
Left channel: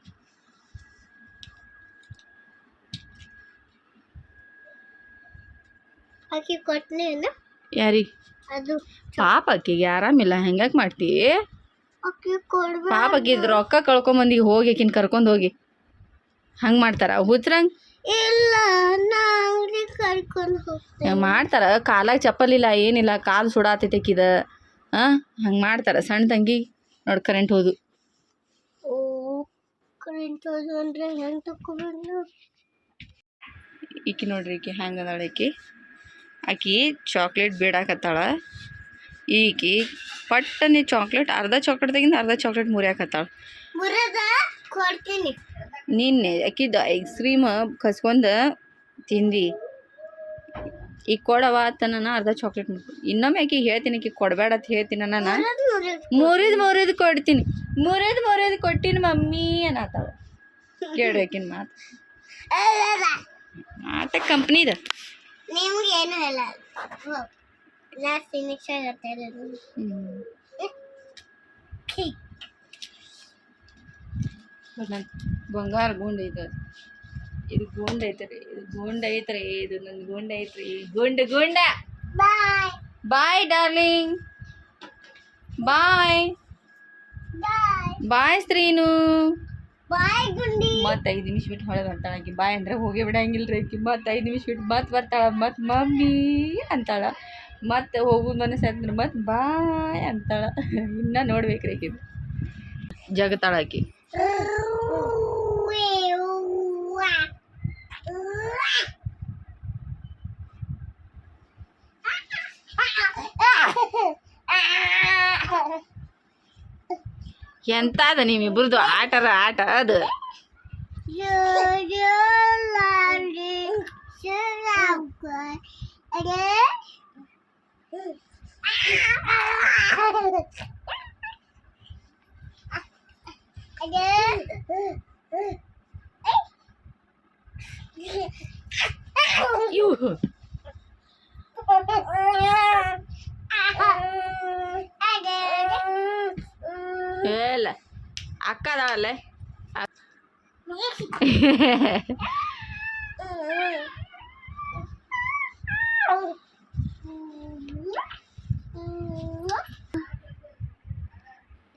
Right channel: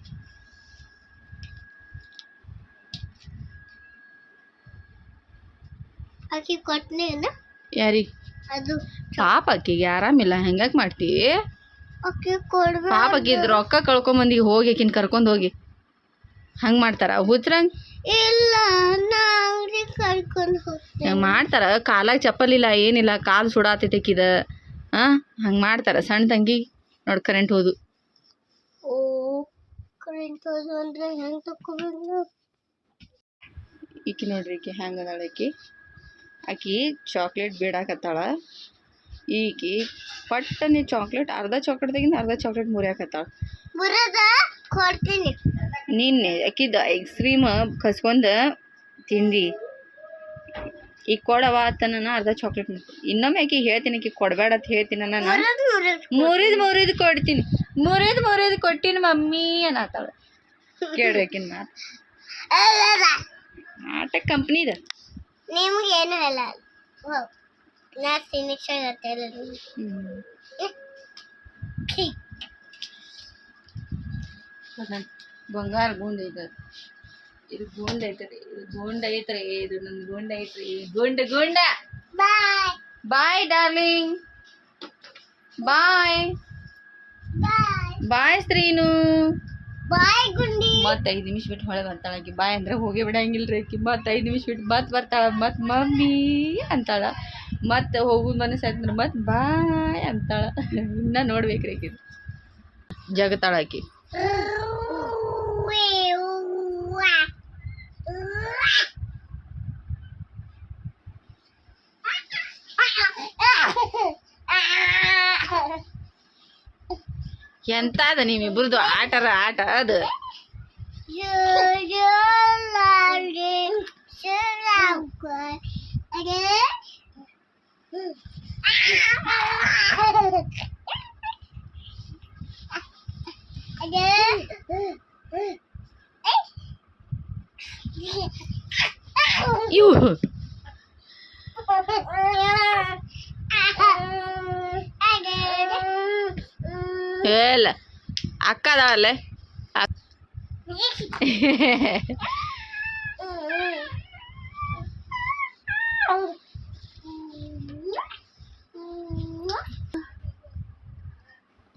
ಯಾರಿಗೆ? ಪಾಪ ಆಕಿಗೆ ಆರಾಮಿಲ್ಲ, ಹೆಂಗಾಕ್ ಮಾಡ್ತಿ ಪಾಪ? ಆಕಿದ್ ರೊಕ್ಕ ಕಳ್ಕೊಂಬಂದಿ ಹೋಗಿ ಆಕಿನ ಕರ್ಕೊಂಡು ಹೋಗಿ ಹಂಗೆ ಮಾಡ್ತಾರ ಹುಚ್ರಂಗ್? ಇಲ್ಲ ಕರ್ಕೊಂಡು ಹೋಗ್ತೀನಿ ಮಾಡ್ತಾರ. ಕಾಲಾಗ ಚಪ್ಪಲಿಲ್ಲ ಏನಿಲ್ಲ, ಕಾಲು ಸುಡಾತೈತೆ ಆಕಿದ. ಹಂಗೆ ಮಾಡ್ತಾರ. ಸಣ್ಣ ತಂಗಿ ನೋಡಿ ಕರೆಂಟ್ ಹೋದು. ಓ ಕರೆಂಟ್ ಹೋದು ಅಂದರೆ ಹೆಂಗೆ ತಗೋಬೇಕು? ಈಕಿ ನೋಡ್ರಿ, ಈಕಿ ಹೆಂಗೆ ಅದಾಳ. ಆಕಿ ಚಾಕ್ಲೇಟ್ ಬೇಡಾಕತ್ತಾಳ. ಈಕಿ ಪಟ್ಟನೆ ಚಾಕ್ಲೇಟ್, ಅರ್ಧ ಚಾಕ್ಲೇಟ್ ತೆಗಿಂದ ಅರ್ಧ ಚಾಕ್ಲೇಟ್ ಮುರಿಯಾಕತ್ತಾಳ. ಕೊಡ್ತೀನಿ. ನಿನ್ನೆ ಆಕಿದ ಐಸ್ ಕ್ರೀಮ್ ಕಸ್ಕೊಂಡ ತಿಂದು ಈಗ ಕೊಡವ ತನ ಅರ್ಧ ಚಾಕ್ಲೇಟ್ ಇನ್ನೊಮ್ಮೆ ಆಕಿಗೆ ಹೇಳ್ತೀನಿ, ಆಕಿ ಕೊಡಬೇಡ ಅಂತ ಹೇಳ್ತೀನಿ. ನಾನು ಮುರಿದು ಕೊಡ್ತೀನಿ, ಮುರಿದು ಕೊಟ್ಟಿನಿ ಮಮ್ಮಿ ಅನ್ನತ್ತಾಳ. ಕೇಳ್ರಿ ಆಕಿನ ಮಾತ ಕಂಪ್ನಿದ. ನಿಮ್ಗೇನು ಹೇಳ, ನಾ ಫಿನಿಶ್ ಆಗತ್ತೆ. ಬಂಗಾರ ಗುಂಡ್ ಐತದ, ಇದು ಗುಂಡ್ ಐತ್ರಿ, ಇದು ನನ್ನ ಗುಂಡ್ ಐತ್ರಿ. ಗುಂಡ ಬಾಯ್ ಡಾರ್ಲಿಂಗ್, ಬಾಯ್ ಶ್ರೀನು, ಬಾಯ್ ಗುಂಡಿ. ಮತ್ತೆ 5 ನಿಮಿಷ ಬಿಟ್ಟು ಹೊಳೆ ಬರ್ತಾಳ ಆಕಿ. ಬಾಯ್ ಅಂದ್ರೆ ಹೋಗಿ ಬಿಡಂಗಿಲ್ರಿ ಆಕಿ. ಮತ್ತೆ 5 ನಿಮಿಷ ಬಿಟ್ಟು ಮತ್ತೆ ಬರ್ತಾಳ, ಮತ್ತೆ ಮಮ್ಮಿ ಅಂತಾಳ. ಮತ್ತೆ ಹೋಗುದು ಮನಸ್ಸಾಯ್ತಂದ್ರೆ ಮತ್ತೆ ಬಾಯ್ ಅಂತಾಳ. ಇನ್ನ ನೋಡ್ಬೇಕ್ರಿ ಆಕಿ ಜಗತ್ತಾಳ ಆಕಿ. ಎಂತ ಅದ ನಿಮ್ಮಿಬ್ರದ್ದು ಆಟ ಅದು. ಇವು ಇಲ್ಲ ಅಕ್ಕ ಅದಾಳಲ್ಲ,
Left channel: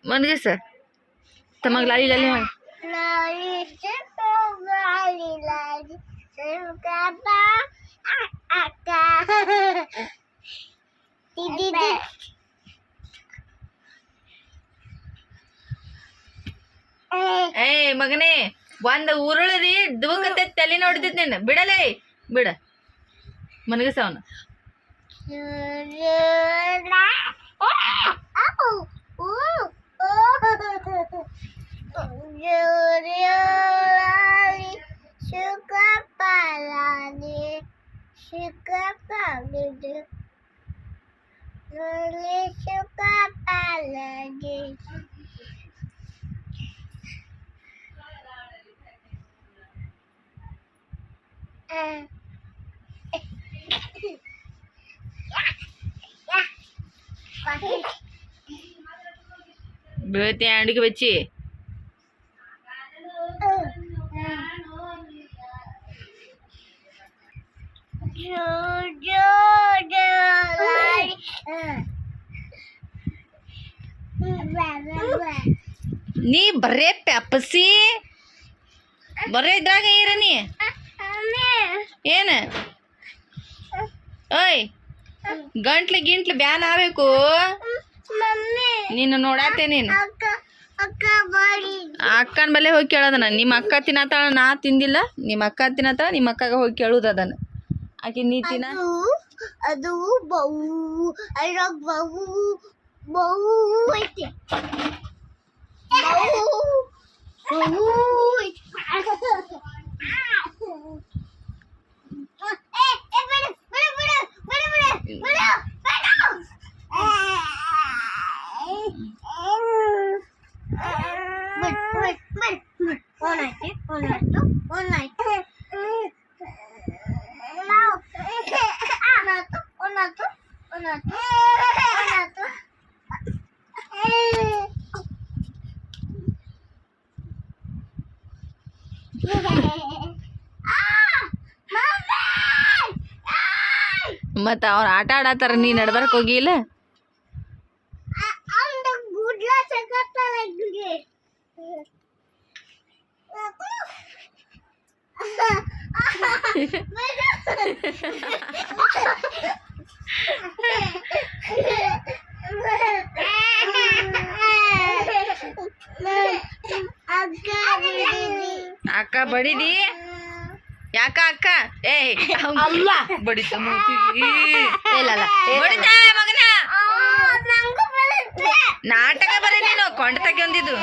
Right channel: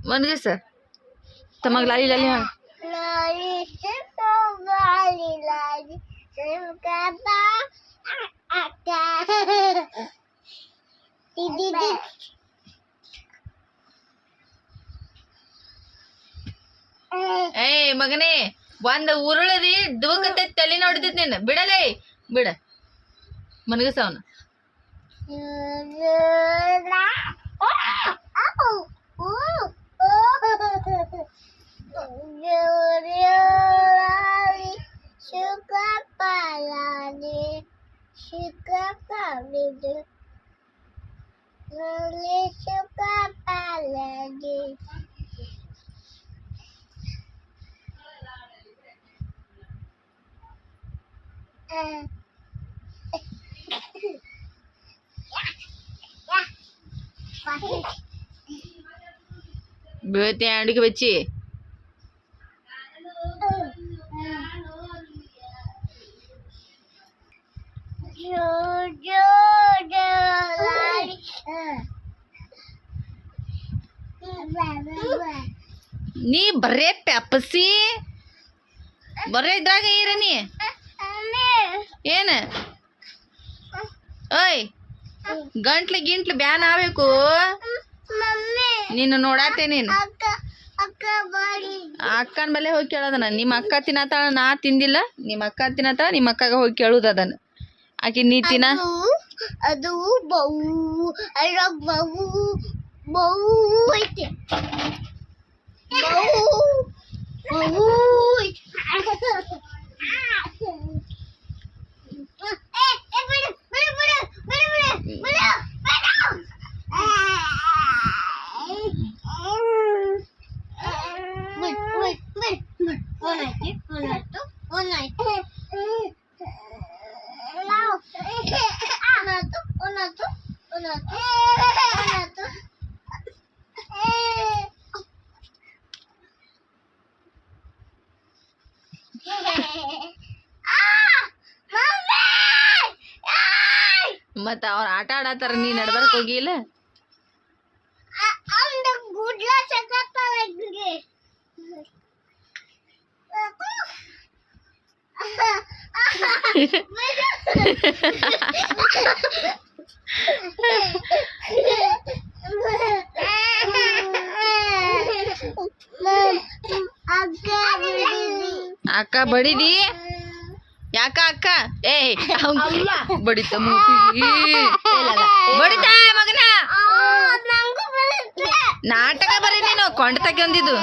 ಮನ್ಗೆ ಸರ್ ತಮಗ್ ಲಾಲಿ ಲಾಲಿ ಏಯ್ ಮಗನೇ, ಒಂದ್ ಉರುಳದಿ ದುಬಕತ್ತೆ ತಲೆ ನೋಡ್ತಿದ್ ನೀನು. ಬಿಡಲೇ ಬಿಡ, ಮನಗಸ ಅವನು. బీతే అడిగి వచ్చి ನೀ ಬರೇ ಪ್ಯಾಪಸಿ ಬರೇ ಇದ್ರಾಗ ಇರ ನೀ ಏನ ಓಯ್ ಗಂಟ್ಲು ಗಿಂಟ್ಲು ಬ್ಯಾನ್ ಆಗ್ಬೇಕು ನೀನು ನೋಡಾತೆ ನೀನು ಅಕ್ಕನ ಬಲ್ಲೆ ಹೋಗಿ ಕೇಳೋದನ ನಿಮ್ಮ ಅಕ್ಕ ತಿನ್ನತ್ತಾಳ ನಾ ತಿಂದಿಲ್ಲ ನಿಮ್ಮ ಅಕ್ಕ ತಿನ್ನತ್ತಾಳ ನಿಮ್ಮ ಅಕ್ಕಗ ಹೋಗಿ ಕೇಳುದು ಅದನ್ನ ಆಕಿ ನೀ ತಿನ್ನ ಅದು ಬೌ ಅದ್ರಾಗ ಬೌ ಐತಿ ಬೌ ಮತ್ತ ಅವ್ರ ಆಟ ಆಡತ್ತಾರ ನೀ ನಡ್ಬರ್ಕ್ ಹೋಗಿಲ್ಲ ಅಕ್ಕ ಬಡಿದಿ ಯಾಕ ಅಕ್ಕ ಏ ಬಡಿತ ಬಡಿತಾಳ ಮಗನ ನಾಟಕ ಬರೀ ನೀನು ಕೊಂಡ ತಗೊಂಡಿದ್ದು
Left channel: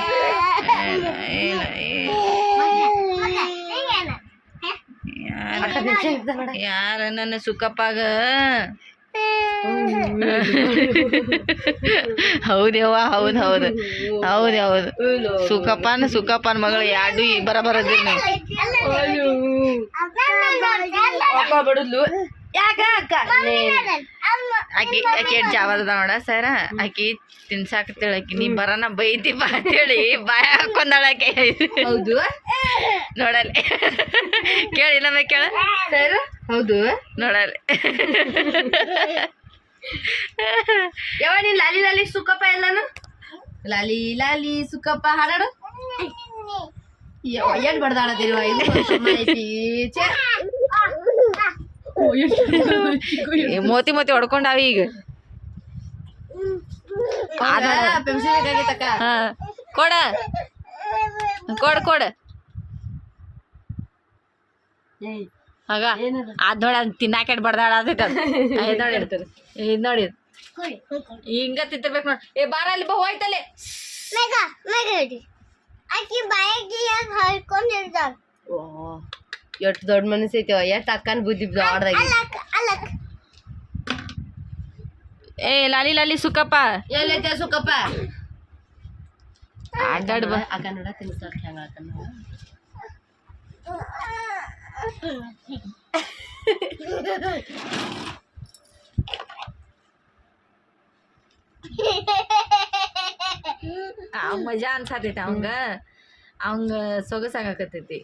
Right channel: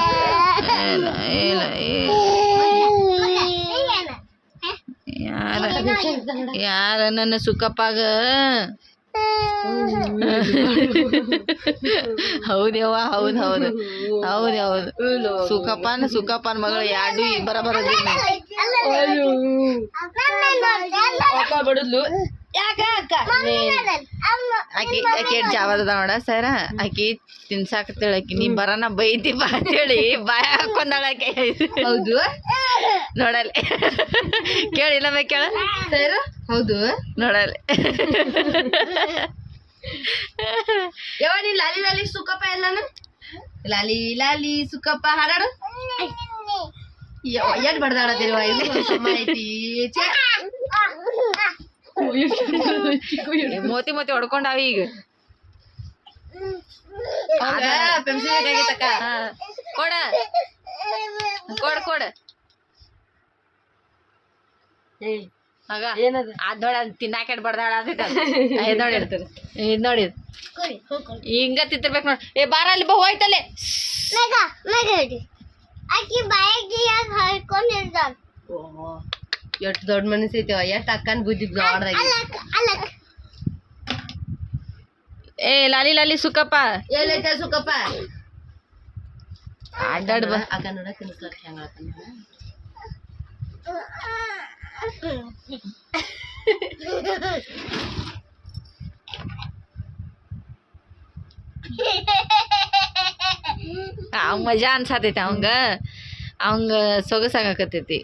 ಯಾರ ನನ್ನ ಸುಖಪ್ಪಾಗ ಹೌದೇವ್ವ ಹೌದ್ ಹೌದು ಹೌದ್ ಹೌದು ಸುಖಪ್ಪನ ಮಗಳು ಎರಡು ಬರಬರದಿರಿ ಬಡದ್ಲು ಆಕಿ ಆಕಿ ಜಾವದ ನೋಡ ಸರ ಆಕಿ ತಿನ್ಸಾಕತ್ತೇಳ ಆಕಿ ನೀ ಬರನ ಬೈತಿ ಬಾ ಅಂತೇಳಿ ಬಾಯ ಹಾಕೊಂಡಾಳಕೆ ಹೌದು ನೋಡಲೆ ಕೇಳಿಲ್ಲ ಬೈ ಕೇಳ ಸರ್ ಹೌದು ನೋಡಲೆ ಯಾವ ನೀನ್ ಲಾಲಿ ಲಾಲಿ ಸುಕ್ಕಪ್ಪ ಎಲ್ಲಾನು ಲಾಲಿ ಲಾಲಿ ಸುಕ್ಕಪ್ಪ ಹಾಡಾಡು ಏನ್ ಬಡ್ದಾಡದಿರುವ ಇದು ಐತಿ ಮೋತಿ ಮೋತಿ ಹೊಡ್ಕೊಂಡಾವ ಈಗ ಪೆನ್ಸಿಲ್ ಬೇಕಾಗಿತ್ತಕ್ಕ ಕೊಡ ಕೊಡ ಕೊಡ ಆಗ ಅದ್ ನೋಡಿ ಅದ್ ತಿನ್ನಾಕ ಬಡ್ದಾಡತೈತ ನೋಡಿ ಇದ್ ನೋಡಿ ಹಿಂಗ ತಿಂತಿರ್ಬೇಕು ನೋಡಿ ಏ ಬಾರ ಅಲ್ಲಿ ಬಾ ಹೋಯ್ತಲ್ಲೇ ಆಕಿ ಬಾಯಿಗೆ ಹಾಕೊಂಡಿರ್ತಾಳ ಎಷ್ಟು ದೊಡ್ಡ ಮನಸ್ಸು ಐತಿ ಎಷ್ಟು ಅಕ್ಕನ ಬುದ್ಧಿ ದೊಡ್ಡದಾಗಿ ಅಲಕ್ ಏ ಲಾಲಿ ಲಾಲಿ ಸುಕ್ಕಪ್ಪ ಎಲ್ಲೈತೆ ಸುಕ್ಕಪ್ಪ ಅಡ್ಡಾಡ್ ಬಾ ಅಕ್ಕ ನೋಡ ತಿನ್ಸ್ಲಾಕ ಹೆಂಗ ಆತನ ಅವ್ ಮಜಾ ಅನ್ಸಾತೈತಿ ಅವಂಗ ಸೊಗಸಾಗಕತ್ತೈತಿ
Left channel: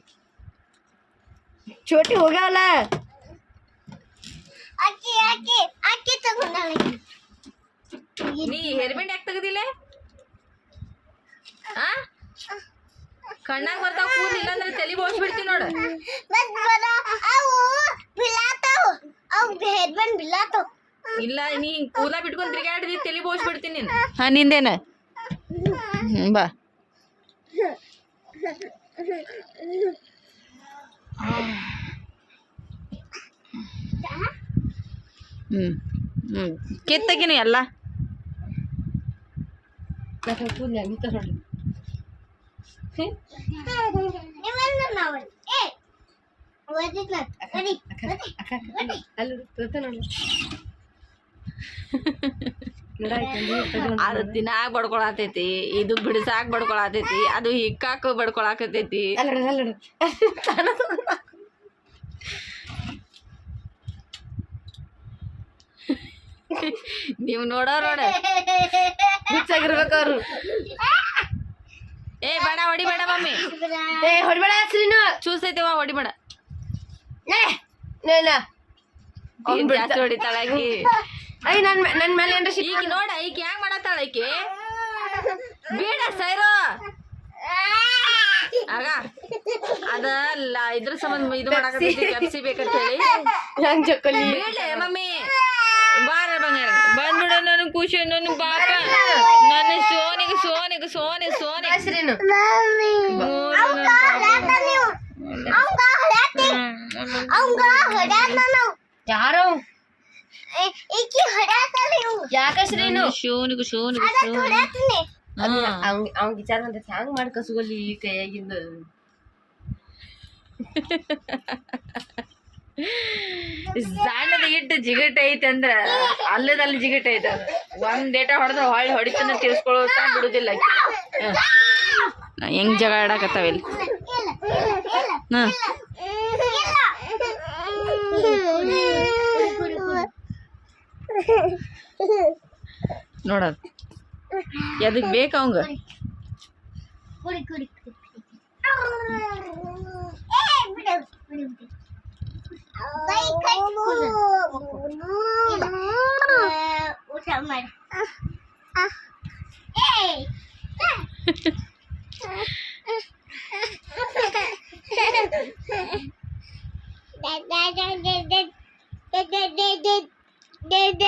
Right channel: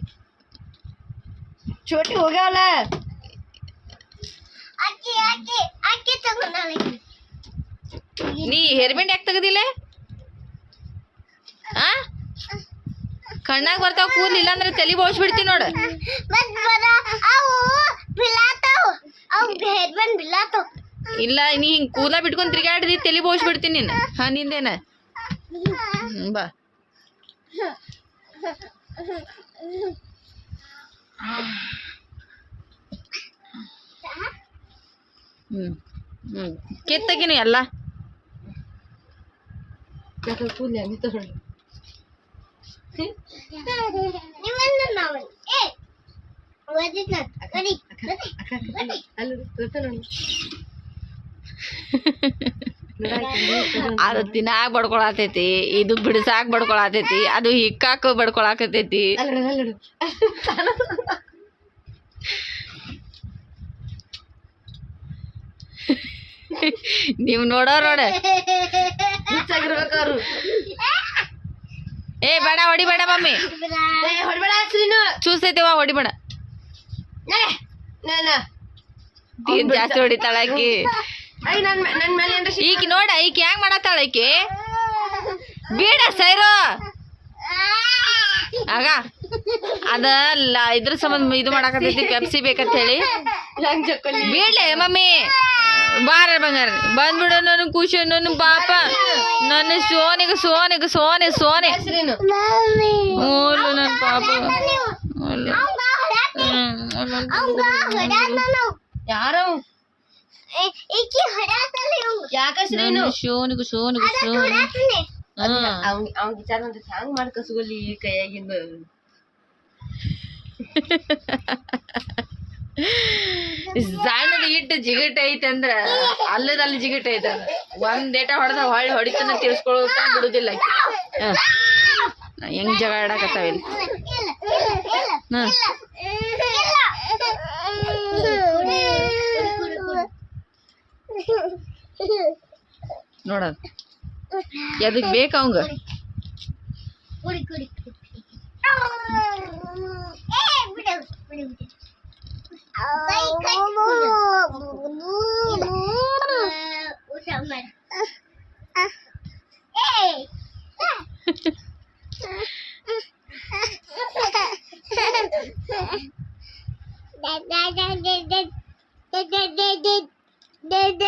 ಚೋಟಿ ಹೋಗ್ಯಾವಲ್ಲ ಆಕಿ ತಗೊಂಡಾಳ ನೀ ಹೇರ್ಬೆಂಡ್ ಯಾಕೆ ತೆಗದಿಲ್ಲ ಆ ಕಣ್ಣಾಗ ಬರ್ತಾವ ಕೂದಲು ಇಲ್ಲಾಂದ್ರೆ ತಲೆ ಬೋಳ್ಸ್ಬಿಡ್ತೀನಿ ನೋಡ ಮತ್ ಬರ ಅವು ಬಿಲಾತಾವ್ ಅವು ಹೇರ್ಬಂಡ್ ಬಿಲಾತಾವ್ ಇಲ್ಲ ನೀ ಹಿಂಗ್ ಕೂದಲ ಬಿಟ್ಕೊಂಡ್ ತಿರ್ಗಾಡಿದಿ ತಲೆ ಬೋಳ್ಸ್ಬಿಡ್ತೀನಿ ನೀನು ಹಾ ನಿಂದೇನ ಬಾ ಕಿತ್ತಗಿನು ಎಲ್ಲ ಕೂದಲು ಹೆಂಗೆ ತಗೊಂಡು ನಿಮ್ಮನ್ನ ನಾವು ಏ ಓದಿದ್ನ ನಡಿ ಅಲ್ಲಿ ನೋಡಿ ಅದು ತಿನ್ನಾಕ ಬಡ್ಕೊಳತೈತಿ ಇದು ಬಿಡಿಸಾಕ ಬಡ್ಕೊಳತೈತಿ ಅದು ಹಿಕ್ಕಾಕ ಬಡ್ಕೊಳಕತೈತಿ ನೀವು ನೋಡ ಹುಚ್ಚಾಗಿರ್ಬೇಕಾರು ಏ ಬೇಡ ಹೊಡಿಬೇಡ ಮಮ್ಮಿ ಹೊಡ್ಬೇಡ ನೀನು ಚೂಸೈತಿವ ಹೊಡಿಬೇಡ ಟೀಮ್ ಜಾಸ್ತಿ ಹೊಡಿತಾಳ ಆಕಿ. ಅಯ್ಯ ನನ್ ಮೇಲೆ ಏನ್ರ ಈಕಿ ನೋಡ ಈಕಿ ಹೆಂಗ್ ಮಾಡತ್ತಾಳ ಆಕಿ ಬೀಡ ಸೈರೋ ಆಗ ಅದಲ್ಲ ಇದ್ರ ಸಂಬಂಧ ಇದು ಮಾಡಾಕತ್ತೈತಿ ಕೆಪ್ಸಿ ಬೇಕಂತ ಹೇಳಿ ನನ್ ಜಕ್ಕಲಿ ಬೀಳ್ಲೆ ಮಮ್ಮಿ ಬಾರ ಬಂಗಾರ ಬಂದ್ಬಿಡ ನನ್ ಖುಷಿ ನನ್ ಪಾಪ ನನ್ನ ಸೋನಿಗೆ ಸೋನಿಗೆ ಸೋನೆ ಸೋನೆ ಹೆಸ್ರೇನು ನನ್ ಪಾಪ ಯಾರೋ ಈಕಿ ಹೊಡ್ಯಾತಲ್ಲ ಇವ್ನು. ಯಾಕ ಹೆಸ್ರೇನು ಶೋನಿಗೆ ಶೋನಿಗೆ ಶೋನೆ ಹೊಡ್ಯಾತಾನೆ. ಅವ್ನ್ ವಿಚಾರ ಅಂತ ಹ್ಯಾಂಗ್ ಮಾಡಿ ಕಸ್ಕೊಲ್ಲಿ ಈ ಕೈಯಾಗಿಂದ ಜಾಯ್ನದ ಇಟ್ಟು ಜಿಗಟ್ ಐತೆ ಅಂದ್ರ ಅಲ್ಲದಲ್ಲಿ ಜಿಗಟ್ ಐತೆ ಅದ ಒಂದ್ ಏಟ ಹೊಡೆದ್ರ ಹೊಳ್ಳಿ ಹೊಡಿತನ ತಿರ್ಸ್ಕೊಳ್ಳೋತ ಬಿಡುದಿಲ್ಲ ಆಕಿ. ಹೆಂಗ್ ಜಗ ಆಡಾಕತ್ತಾವ ಇಲ್ಲಿ ಹಾ ನೋಡದ್ ಎದಕ್ ಬೇಕ ಅವಂಗ ಕುಡಿ ಕುಡಿ ಕುಡಿ. ಏ ಬಿಡು ಬಿಡು ಬಿಡು. ಕೈ ಕಟ್ಕೊಂಡು ಊಟ ಮಾಡಿ. ಏಯ್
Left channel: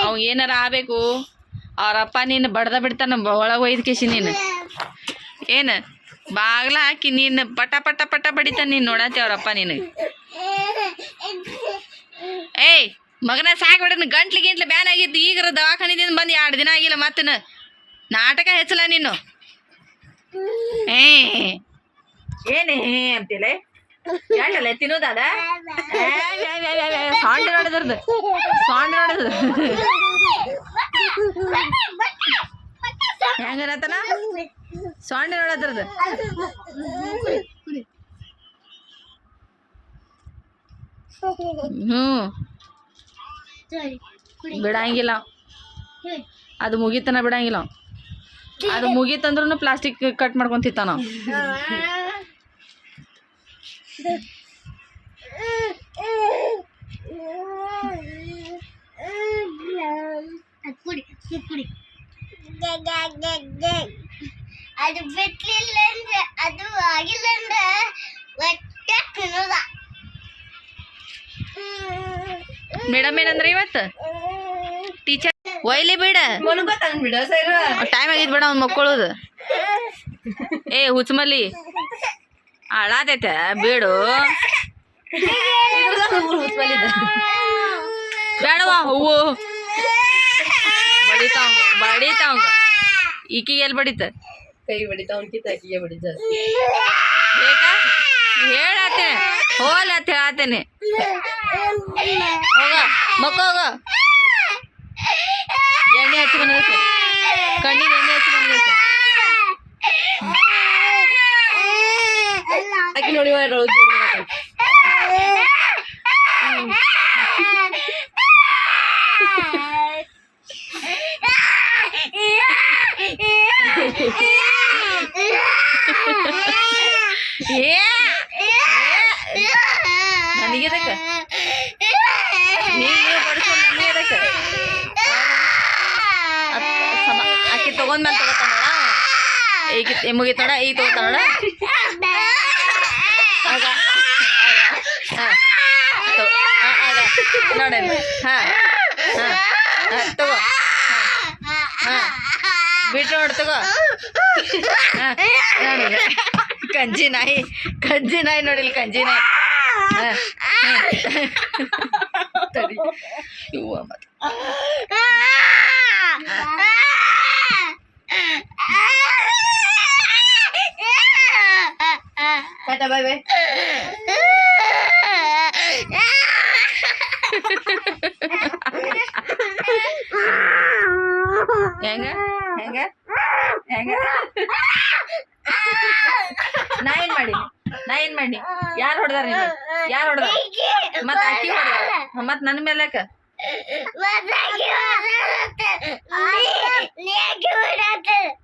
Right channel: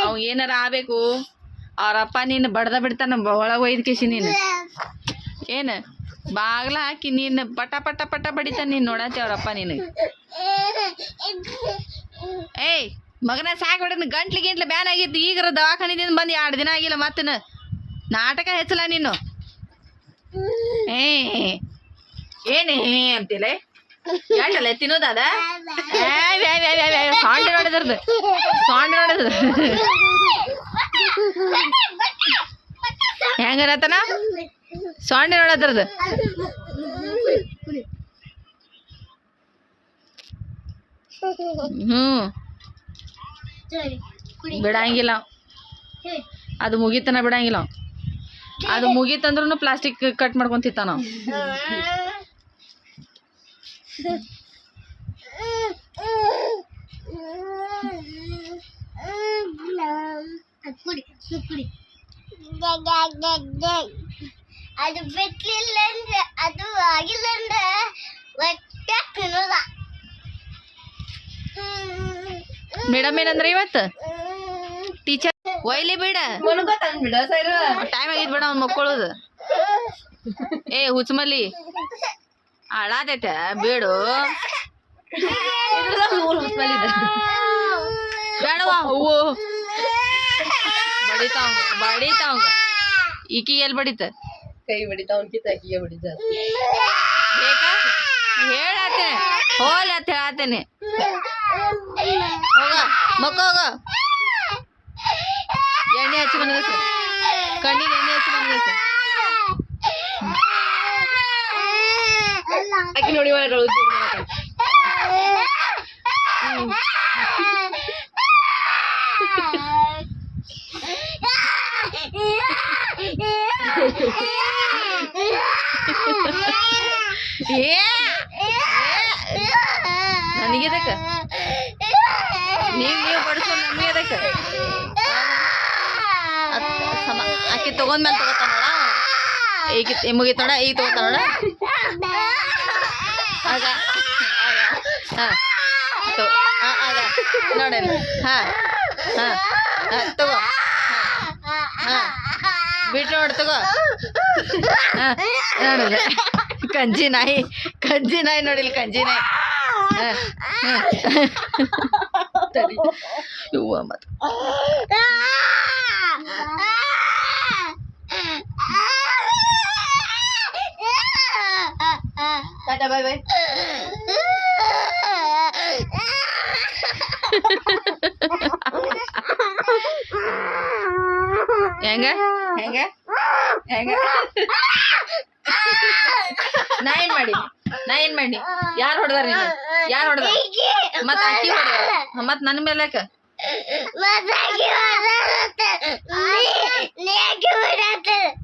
ಅವ್ ಏನಾರ ಆಗ್ಬೇಕು ಅವ್ರಪ್ಪ ನೀನು ಬಡ್ದ ಬಿಡ್ತಾನ ಒಳಗೆ ಒಯ್ದ ಕೇಸಿ ನೀನು ಏನು ಬಾಗ್ಲ ಹಾಕಿ ನೀನು ಪಟ ಪಟ ಪಟ ಬಡಿತಾನ ನೀನು ನೋಡತ್ತೆ ಅವ್ರಪ್ಪ ನೀನು. ಏಯ್ ಮಗನ ಸಾಕ್ಬಿಡ ಗಂಟ್ಲು ಗಿಂಟ್ಲು ಬ್ಯಾನ್ ಆಗಿತ್ತು ಈಗರ ದವಾಖಾನಿದಿಂದ ಬಂದು 2 ದಿನ ಆಗಿಲ್ಲ ಮತ್ತೆ ನಾಟಕ ಹೆಚ್ಚಲ ನೀನು. ಏನೇ ಅಂತಿಲ್ಲ ಯಾಕಲ್ಲ ತಿನ್ನೋದಾದ ಸಾಂಡ್ ನೋಡಿದ್ರದ್ದು ಸಾಂಡ್ ನೋಡಿದ್ರು ಹೆಂಗರತನ ಸಾಂಡ್ ನೋಡದ್ರದ್ದು ಬಿಡಂಗಿಲ್ಲ ಅದು ಮುಗಿತನ ಬಿಡಂಗಿಲ್ಲ ಅದು ಮುಗೀತಂದ್ರೂ ಪ್ಲಾಸ್ಟಿಕ್ ಕಟ್ ಮಾಡ್ಕೊಂತಿತ್ತ ನಾವು. ಕುಡಿ ಕುಡಿ. ಅದು ಬಿಟ್ಲಿಲ್ಲ ಅಂದ್ರೆ ಅದು ಆಗಿಲ್ಲ ಅಂದ್ರೆ ಒಟ್ಟೆ ತಿನ್ನೋದ. ಮೇಡಮ್ ಏನಂದ್ರೆ ಇವತ್ತು ಟೀಚರ್ ಒಯ್ಲಿ ಬೇಡ ಮನ್ಕೋತಾನ ಸರ್ ಟೈಮ್ ಆಗಿದ್ ಬೇಡ ಅವ್ನು ಮಕ್ಕಳೋದು. ಏ ಹುಚ್ಚಮಲ್ಲಿ ಹಾಳಾತೈತೆ ಬೇಡು ಬೇಡವಾ ಹೂವು ಬಡಿತಾವಂಗ ಈಕಿಗೆ ಎಲ್ಲಿ ಬಡಿತ ಕೈ ಬಡಿತಾ ಅವ್ನ್ಕಿಂತ ಆಕಿಗೆ ಬಡಿ ಜಾಸ್ತಿ ಬೇಕಾ ಹೇಳತ್ತೇನೆ ಹೋಲ್ ಅಂತ ಹೇಳತ್ತೇನೆ ಹೋಗ ಮಕ್ಕ ಹೋಗ ಎಣ್ಣೆ ಹಚ್ಚಿ ಮನಗಸ ಕಣ್ಣಿಗೆ ಎಣ್ಣೆ ಹಚ್ಚಿ ಮನಗಸ. ಆಕಿ ನೋಡಿ ನನಗೆ ನೀವು ಬಡಿಸೋ ನನಗೆ ಆಕಿ ತಗೊಂಡ್ಮೇಲೆ ತಗೋತಾನೋಡ ಈಗ ಮುಗಿತೋಣ ಈಗ ತಗೋತಾನೋಡ ಆಗ ಹಾಂ ಆಗ ನೋಡ ಹಾಂ ಹಾಂ ಹಾಂ ತಗೋ ಹಾಂ ಬಿಟ್ಟು ನೋಡಿ ತಗೋ ನೋಡಿ ಕಂಜಿ ನಾಯಿ ನೋಡಿಲ್ಲ ಕಂಜಿ ನಾಯಿ ಇವ್ವ ಮತ್ತೆ ಟಾಟಾ ಬಾಯ್ ಬಾಯ್. ಹೆಂಗ ಹೆಂಗ ಹೆಂಗ ನಾ ಏನ್ ಮಾಡಿ ಯಾರು ಹೊಡೆದಾರ ನೀನು ಯಾರು ಹೊಡೆದ ಮತ್ ಅಕ್ಕಿ ಹೊಡೆದ ಮತ್ ನನ್ನ ಮೇಲೆ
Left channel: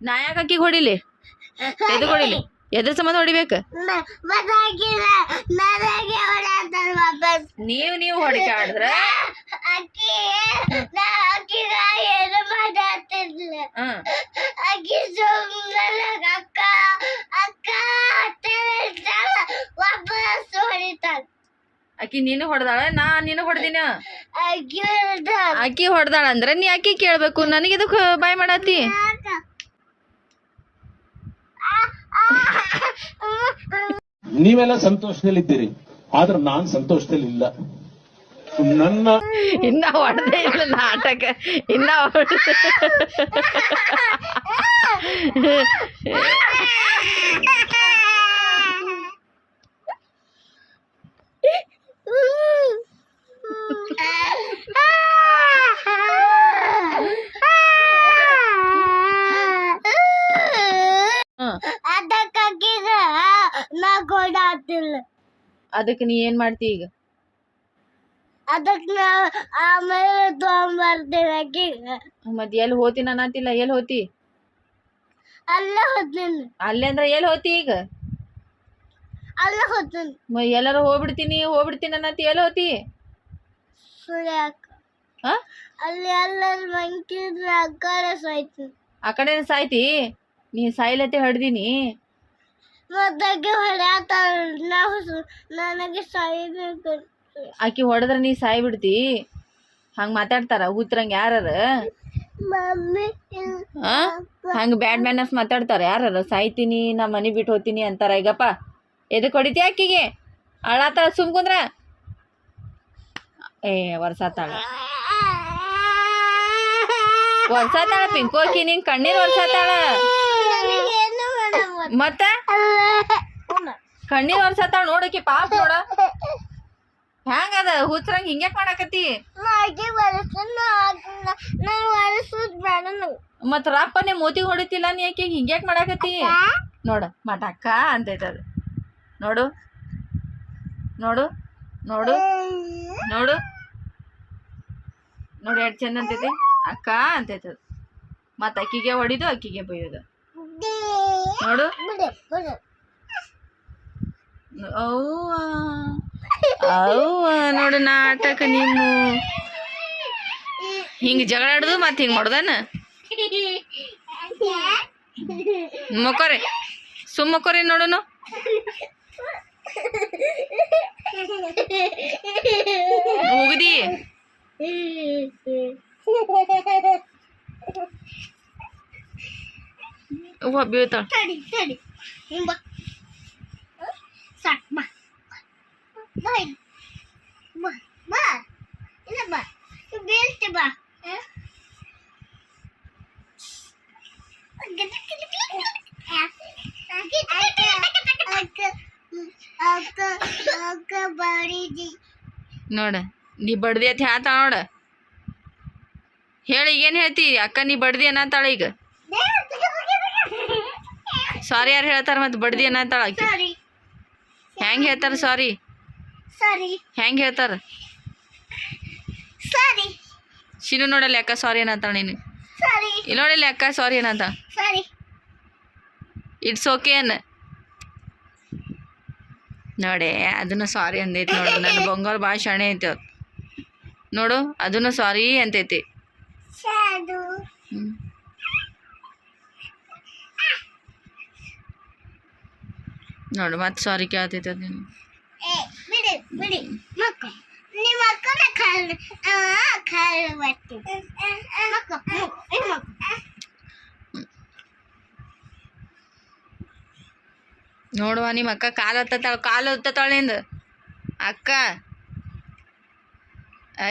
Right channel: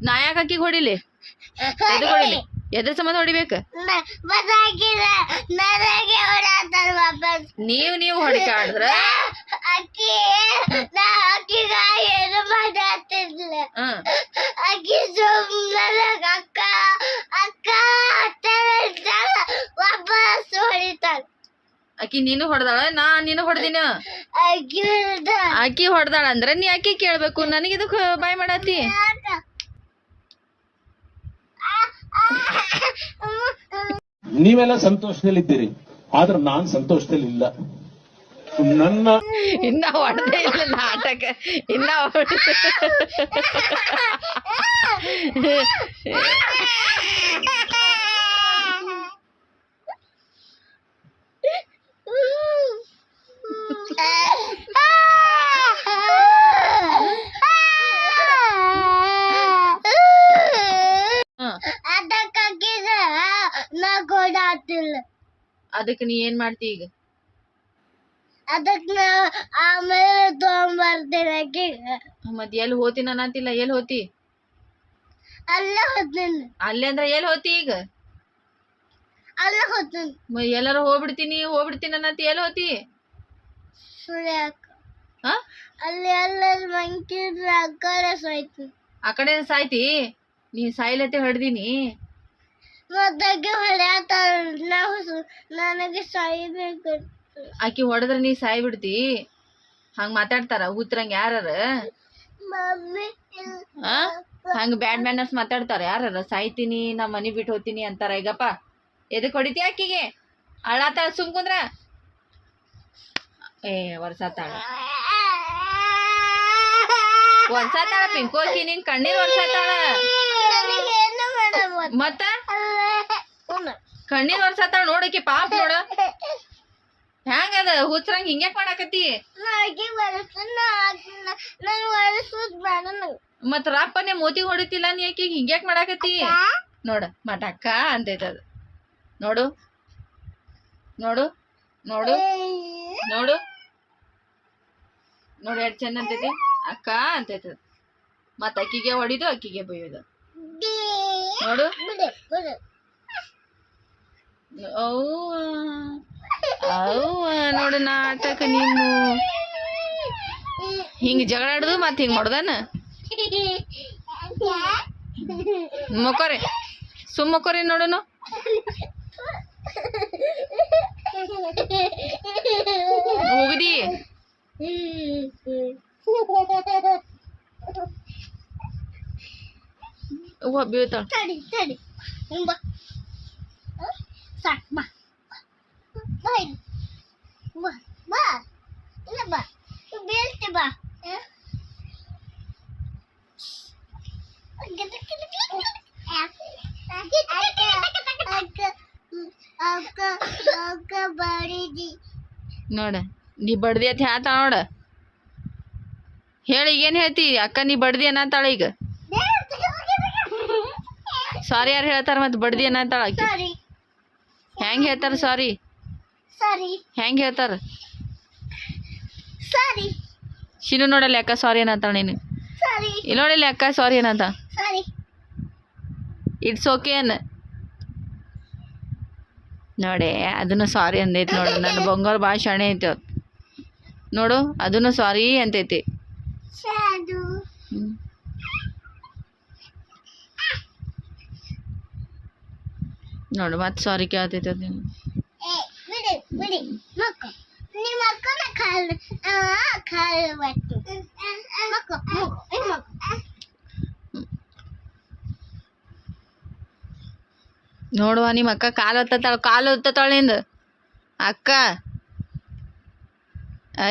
ನಾ ಯಾಕೆ ಅಕ್ಕಿಗೆ ಹೊಡಿಲಿ ಎದಕ್ ಹೊಡಿಲಿ ಎದ್ರ ಸಂಬಂಧ ಹೊಡಿಬೇಕು ನೀವು ಹೊಡಿಕೆ ಆಡಿದ್ರ ಹಾಂ ಆಕಿ ಸುಮ್ಮನೆ ಅಕ್ಕ ಅಕ್ಕ ಅಂತ ಹೇಳ್ತಾಳ, ವಾಪಸ್ ಹೊಡಿತಾಳ. ಆಕಿ ನೀನು ಹೊಡೆದಾಳ, ನೀನು ಹೊಡೆದಿನ. ಆಕಿ ಹೇಳ್ತಾಳ, ಆಕಿ ಹೊಡೆದಾಳ ಅಂದ್ರೆ ನೀ ಆಕಿ ಕೇಳಬೇಕು, ನನಗಿದಕ್ಕೆ ಬಾಯ್ ಮಾಡತ್ತಿ. ನೀವೆಲ್ಲ ಸಂತೋಷದಲ್ಲಿದ್ದೀರಿ, ಆದ್ರೆ ನಾನ್ ಸಂತೋಷದಲ್ಲಿಲ್ಲ. ನನ್ನ ಇನ್ನ ಹೊಡೆದೇ ಇಲ್ಲ ನಾಟಕ, ಇನ್ನ ಅದಕ್ಕಾಗಿಗ ನಾ ಕೊಡಾತಿಲ್ಲ. ಅದಕ್ಕೆ ನೀ ಏನ್ ಮಾಡ್ತಿ ಈಗ? ಅದಕ್ಕೆ ನಾ ಆಮೇಲೆ ತಗೊಂಬರ್ತೀನಿ ಆಕಿಗ. ಮತ್ ಎಲ್ಲಿ ಹೋತೀನಿ ಅನ್ನತಿಲ್ಲ, ಎಲ್ಲಿ ಹೋತಿ? ಅಲ್ಲೇ ಹೋಗ್ತೀನಿ, ಅಲ್ಲೇ ಅಂದ್ರೆ ಎಲ್ಲಿ ಹೋತಿ ಈಗ? ಅಲ್ಲೇ ಹೋಗ್ತೀನಿ. ಎಲ್ಲಾರ ಹೋಗ್ಬಿಡ್ತೀನಿ ಅನ್ನತಿ, ಎಲ್ಲಿ ಹೋತಿ? ಸುಳ್ಯಾಕ ಹಾ ಅಲ್ಲಿ ಎಲ್ಲರ ಮಂಕಿದ್ರೆ ಆ ಕಡೆ ಸಾಯ್ತೀನಿ. ಆ ಕಡೆ ಸಾಯ್ತಿ? ನೀ ಸಾಯ್ಲತ್ತೆ ಹೊಡ್ದೀನಿ. ಮತ್ತಾಕೆ ಹೊಡ್ಯಾತಾಳ, ನನಗೆ ಸಾಯ್ಬೇಕು. ಆಕಿ ಹೊಡೆದ್ರೆ ನೀ ಸಾಯ್ ಬಿಡ್ತಿ? ಹಂಗೆ ಮಾತಾಡ್ತಾರ ಊತ್ರಂಗೆ ಯಾರ? ಮಮ್ಮಿ ಹಂಗೆ ಬ್ಯಾಡ್ ಮ್ಯಾನರ್ಸ್ ಮಾತಾಡ್ತಾರ ಯಾರ? ಸಾಯ್ತೀನಿ, ನಾ ಮನೆ ಬಿಟ್ಟು ಹೋಗ್ತೀನಿ ಅಂತಾರ. ಈಗಪ್ಪ ಎದಕ್ಕೆ ಹೊಡಿತಿ ಆಕಿಗೆ? ಅಳಾತಾಳ, ಸುಮ್ ಕುಂದ್ರ. ವರ್ಷಾತಾಳ ಪಿಂಕು, ಆಕಿ ನಿಂಗೆ ಕಣ್ಣೀರು ವರ್ಷಾತಾಳ. ನನಗೇನು ಮೇಡಮ್ ಮತ್ತ ಕಣ್ಣೀರ್ ವರ್ಷಾತಾಳ ನೋಡಕಿ, ಪಾಪ ನೋಡ ಹ್ಯಾಂಗದ ಹುಚ್ರಂಗ್ ಹಿಂಗ್ಯಾಕ್ ಮಾಡಾಕತ್ತಿ? ನಾಗಿ ಬರಸ್ತಾನ, ನಾನು ಹೊರಸೋದ್ ಬೇಡ. ಮತ್ ರಪ್ಪನೆ ಮೋತಿಗೆ ಹೊಡಿತಿಲ್ಲ ನೀ, ಯಾಕೆ ಹಿಂಗ್ಯಾಕ್ ಮಾಡಾಕತ್ತಿ? ನೋಡ ಮಟ ಅಕ್ಕ ಅಂತೈತದ. ನೋಡು ನೋಡು ನೋಡು ನೋಡು ನೋಡು ಎಷ್ಟು ಚಂದ ಅಂತೈತಿ. ಅಕ್ಕ ಅಂತೈತದ. ಮತ್ ಅಕ್ಕಿಗೆ ಹೊಡಿದು ಅಕ್ಕಿಗೆ ಬೈಯೋದು. ನೋಡು ಅವ್ವ ಅವ್ವ ನೋಡು ನಾಟಕ. ನೀವು ಹಿಂಗೆ ಜಗಳ ಆಡುದು ಮತ್ತೆ ಹಿಂಗೆ ಮಾಡೋದನ? ಮಕ್ಕೋರಿ, ಸುಮ್ಮ ಮಕ್ಕೋರಿ ನೋಡುನು. ಹೋಗಿದಿ ಅವ್ವ ಬೀಳ್ತಾಳ. ತಡಿ ಬಾ, ಸಾಕ್ ಬಾ, ಬಾ ಇಲ್ಲಿ. ಬಾ ಬಾ ಇಲ್ಲ ಬಾ, ಬೀಳ್ತಿ ಬಾ. ಅಕ್ಕ ಬಡಿದಿ ನೋಡ, ನೀ ಬಡ್ದಿ ಅಂತ ಹೇಳ್ತಾಳ ನೋಡ. ಹೇಳಿ ಏನು ಹೇಳ್ತಿ? ಅಕ್ಕ ನೀ ಬಡ್ದಿ ಅನ್ನತ್ತಾಳ ಈಗ. ಸಾರಿ ಯಾರು ಹೇಳ್ತಾರ ಮತ್ತೆ ಬಡ್ದಿ ಅನ್ನತ್ತಾಳ ಆಕಿ. ಸರಿ ಹೆಂಗ್ ಹೇಳ್ತಾರ ಸಾರಿ? ಸರಿ ಹೆಂಗ್ ಹೇಳ್ತಾರ? ಸರಿ ಶಿನು ನೋಡಲ್ಲ ಅಕ್ಕ ಸಾರಿ ಅನ್ನತ್ತಾಳ. ನೀನು ಸರಿ ಇಲ್ಲಿ ನೋಡಿಲ್ಲ ಅಕ್ಕ ಸಾರಿ ಅನ್ನತ್ತ. ಸರಿ ಇಟ್ಸ್ ಓಕೆ ಅನ್ನ ನೋಡೆ, ಅದನ್ನು ಸಾರಿ ಅಂದೈತಿ ನೋಡು. ನನ್ನ ಬಂಗಾರ ಭಾಳ ಶಾಣೆ ಐತೆ ಅದು. ನೋಡು ಅದನ್ನು ಸಾರಿ ಅಂತೈತಿ. ಶಾದು ನೋಡು ಮತ್ತೆ ಸಾರಿ ಕೇಳ್ತೈತೆ ಅದು. ನೀನು ಬಿಡಿ ಮಕ್ಕ, ನಿಮ್ಮ ಅಕ್ಕನ ಕಾಲು ಬರ್ತೀನಿ ಮಕ್ಕ ನೋಡುವ ನಿಮ್ಮ ಅಕ್ಕ ಕಾಲು ಹೊತ್ತತಾಳ ನಿಂದು ಅಕ್ಕ.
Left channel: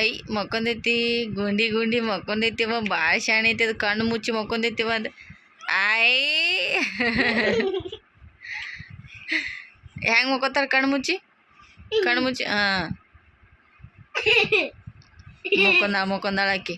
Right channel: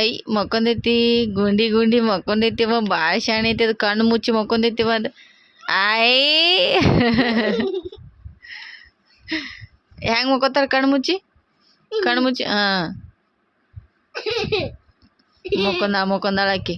ಐ ಮಕ್ಕೊಂದೈತಿ, ಗುಂಡಿ ಮಕ್ಕೊಂದೈತಿವ. ಭಾಳ ಶಾಣೆ ಐತಿ ಅದು. ಕಣ್ಣು ಮುಚ್ಚಿ ಮಕ್ಕೊಂದೈತಿವ ಅದು. ಹೆಂಗೆ ಮಕ್ಕೋತಾರ? ಕಣ್ಣು ಮುಚ್ಚಿ ಹಾಂ ಮಕ್ಕೊಂದಾಳ ಆಕಿ.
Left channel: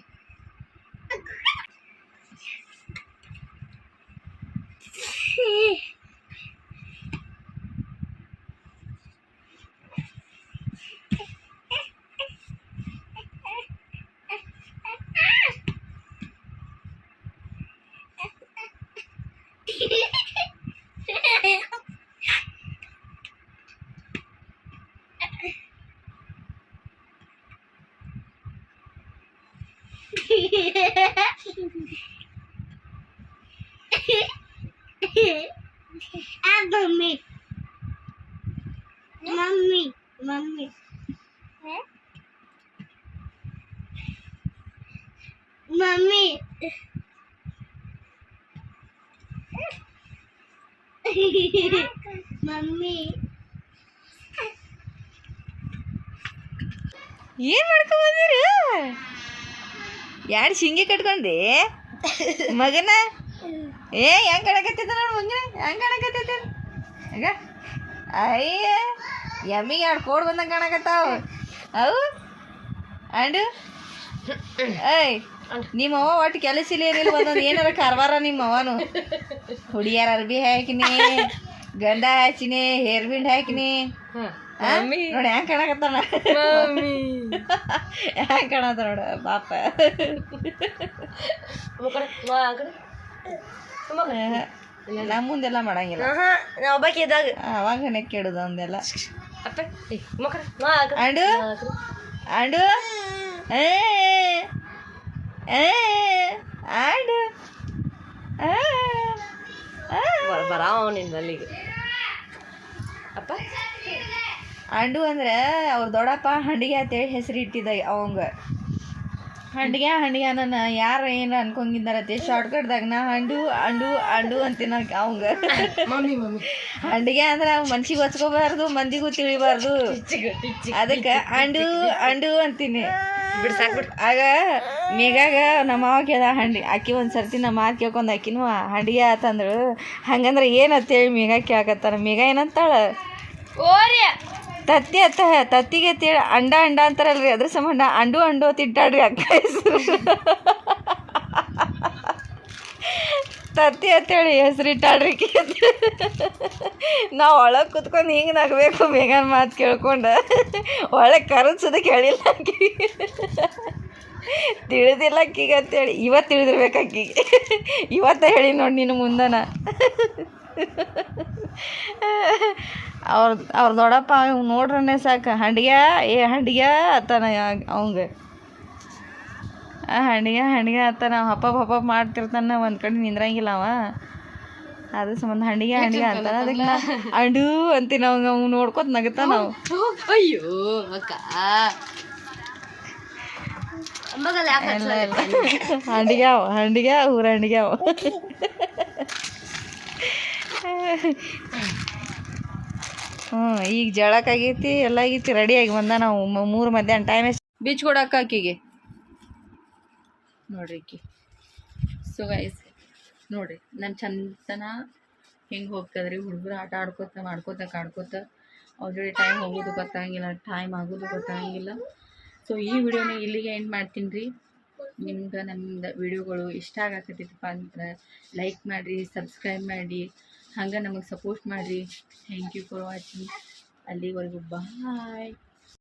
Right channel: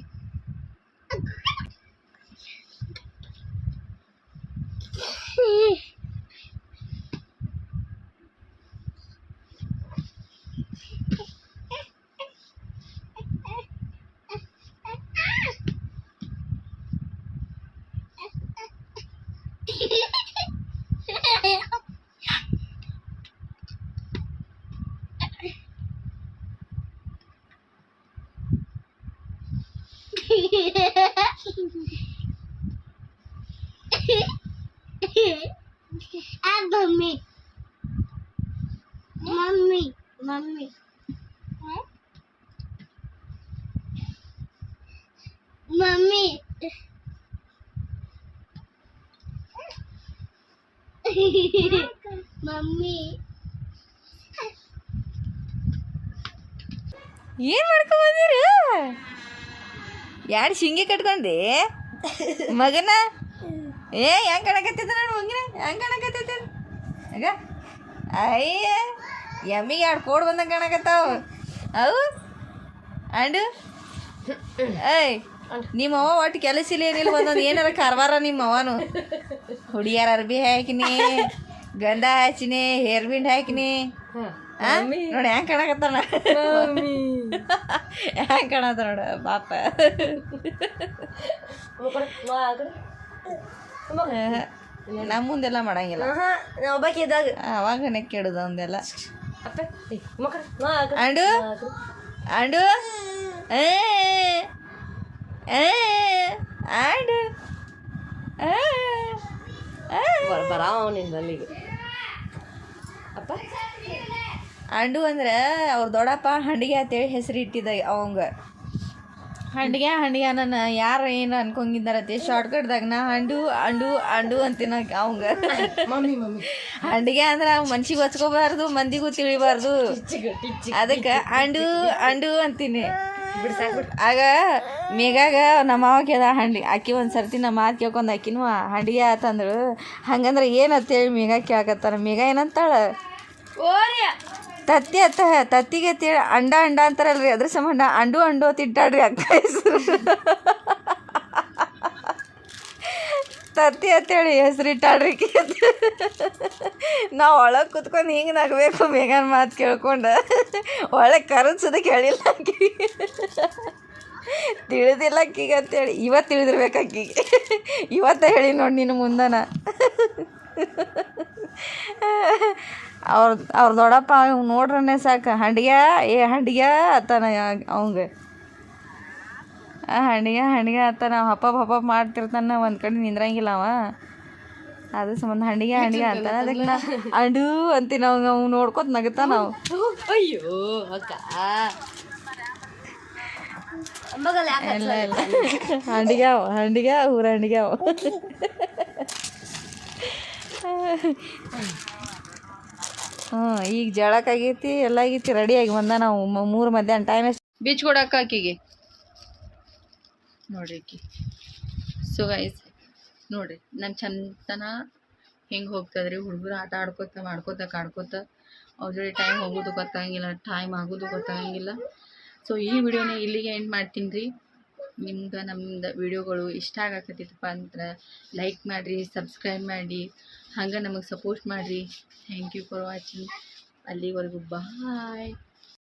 Mommy. Mommy. Mommy. Mommy. Mommy. ಏನು ಮಾಡ್ಕೊಂಬಂದಿರು ಯಾರು ಶಿಂಗೆ ಕಟ್ಕೊಂಡಿ ಮಗನ ಏ ಹೆಂಗೆ ಕಾಣಕತ್ತೈತೆ ನನ್ನ ಮಗನ ಹೆಂಗೆ ಕಾಣಕತ್ತೈತೆ ಆಗ ಅಯ್ಯ ಎಮ್ಮಿಗೆ ಎರಡು ಕೋಡ್ ಬಂದಂಗೆ ಕಾಣಕತ್ತಾವ ಅವು ಅಂಡು ಏಯ್ ನಿಮ್ಮ ಅವ್ವ ಒಟ್ಟು ಕೆಲಸ ಇಲ್ಲ ಏನಿಲ್ಲ ಒಂದೊಂದು ಏನಾರ ಕಾರ್ವಾರ ನಿಮ್ಮ ಅವನು ಹುಡಿಯಾರ ಅರ್ಬಿ ಹಾಕಿನಿ ಗಂಧ ಹಚ್ಚಿನಿ ಹೇರ್ ಬಿಂಡ್ ಹಾಕಿನಿ ನೋಡಿ ಹೆಂಗೆ ಕಾಣಕತ್ತಾನ ಹೆಂಗೆ ಕಾಣತ್ತ ನೋಡ ಪಾಪ ನಮ್ಮ ಮುಂದೆಲ್ಲ ಮಾಡಂಗಿಲ್ಲ ಅವಾಗ ನೆಕ್ಕಿಡುದು ಅಂದೆಲ್ಲ ಅಂಡು ಅಂಡು ಅಂಡು ಬರಾವ ನಿನ್ನ ಬಲ್ಲಿಗೆ ಅಪ್ಪ ಅಂಡು ಅಂದ್ರೆ ಅವ್ರ ದೊಡ್ಡಪ್ಪ ಹಂಡಿಗೆ ಅಂತೇಳಿ ಹೆಸರು ಇಟ್ಟಿದ್ದ ಅವಂಗ ಹಂಡಿಗೆ ನನ್ನ ಯಾರು ಏನು ಅನ್ಕೊಂಗಿದ್ದಾರತ್ತೆ ಶಾರ್ಟ್ಕಟ್ದಾಗ ನಾ ಅಂಡು ಅಂಡು ಅಂಡು ಅಂತೀನ ಅವಂಗ ಹಂಡಿಗೆ ಅಂದ್ರೆ ಮನ್ಸಿಗೆ ಹೊಚ್ಕೋಬಾರ್ದು ಮಂದಿಗೂ ತಿಳಿಬಾರ್ದು ಅದಕ್ಕೆ ಅಂಡು ಅಂಡು ಅಂತೀನಿ ಆಗ ಮೇಗಾಗ ನಮ್ಮ ಮಾವ ಕೇಳ್ದ ಆಕಿ ಒಂದು ಸರ್ತಿ ನಮ್ಮ ಮಾತು ಕೇಳ್ಕೊಂಡು ಆಕಿನೂ ಹಂಡಿಗೆ ಆತಂದ್ರು ಹಂಗಂದ್ರೆ ಏನಂತೇಳಿ ಮೇಗ ಕೇಳಕತ್ತಾರ ಮೇಗ ಏನಂತಾಳ ತತ್ತಿ ಅತ್ತ ತತ್ತಿಗೆ ತೇಳಿ ಅಂಡ ಅಂತಾರಲ್ರಿ ಅದ್ರ ಸಂಬಂಧ ಅಂಡು ಅಂಡು ತಿಂಟಾಡ್ರಿ ಅಕ್ಕ ಹೆಸರು ತತ್ತಿ ಅಂತೇಳಿ ಹೆಸರಿಟ್ಟಾಡ್ರಿ ನಾವು ಒಳಗೆ ಕುತ್ಕೊಂಡು ಹಿಂಗೆ ನಗಬೇಕು ಮೇಗನ ಮಾತು ಕೇಳ್ಕೊಂಡು ಒಳಗೆ ಕರೆನ್ಸದ ಕೇಳಿಲ್ಲ ಆಕಿಗೆ ತಿಳಿದಿಲ್ಲ ಆಕಿಗೆ ಅಂತೇಳಿ ಇವತ್ತು ತಿಳಿದಿರ್ಬೇಕು ಆಕಿಗೆ ಇವತ್ತ ಹೇಳಿ ನೋಡಿ ನೀನು ಮುಂದನ ಅವ್ರ ದೊಡ್ಡಪ್ಪ ಇವ್ ನೋಡ್ರನೆ ಸಾಕು ಹಂಡಿಗೆ ಅತ್ತಾನ ಅವಂಗ ಹಂಡಿಗೆ ಅತ್ತಾನ ಹಪ್ಪ ಮಾಡ್ತಿರ್ತಾನ ಒಂದು ಕಡೆ ನಿಂದ್ರಂಗಿಲ್ಲ ಅವ ಅದ್ರ ಸಂಬಂಧ ಹಂಡಿಗೆ ಅಂತಾನ ಅದಕ್ಕೆ ನಾ ಅಂಡು ಅಂತೀನಿ ಅವಂಗ ಅವ್ನು ನೋಡ್ಕೊತ ನಗತಾನ ನಾವು ಅಯ್ಯೋ ಅಕ್ಕ ಎಲ್ಲ ಹಂಡಿಗೆ ಊರ ಹಂಡಿಗೆ ಅವ ಈಗ ಜಳಕ್ಕಾಗೈತಿ ಎಲ್ಲ ಆಗೈತಿ ರೆಡಿ ಆಗಿ ಬಂದ ನಾವು 3 ಮಧ್ಯಾಹ್ನ ಟೈಮ್ ಎಷ್ಟು ಬೀಚ್ ಕೊಡಕ್ಕ ಆಕಿಗೆ ನೋಡ್ರಿ ಆಕಿ ಸೊ ಗೈಸ್ ನೋಡ್ರಿ ನಮ್ಮ ಚಂದನ ಹೆಂಗೆ ಹೋಗ್ತದ್ರಿ ಹುಡುಗರು ಆಟ ಆಡ್ಕೋತ ಕಾಡ್ಕೋತ ಅವ್ರ ಜೋಡಿ ಟೈಮ್ ಹೋಗೋದು ಗೊತ್ತಾಗಂಗಿಲ್ಲ ಟೈಮ್ ಆಗೋದು ಗೊತ್ತಾಗಂಗಿಲ್ಲ ಸೊ ಈ ವಿಡಿಯೋನ ಇಲ್ಲಿಗೆ ಎಂಡ್ ಮಾಡ್ತೀನಿ ರೀ ನಿಮ್ಗೆ ನಮ್ದು ವಿಡಿಯೋಗಳು ಇಷ್ಟ ಆಗಕತ್ತೈತಪ್ಪ ಅಂದ್ರೆ ಲೈಕ್ ಮಾಡಿರಿ ಸಬ್ಸ್ಕ್ರೈಬ್ ಮಾಡಿ ಹಂಗೆ ನಮಗೆ ಸಪೋರ್ಟ್ ಮಾಡಿರಿ ಥ್ಯಾಂಕ್ ಯು ಫಾರ್ ವಾಚಿಂಗ್ ಅಲ್ಲಿವರೆಗೂ ಬಾಯ್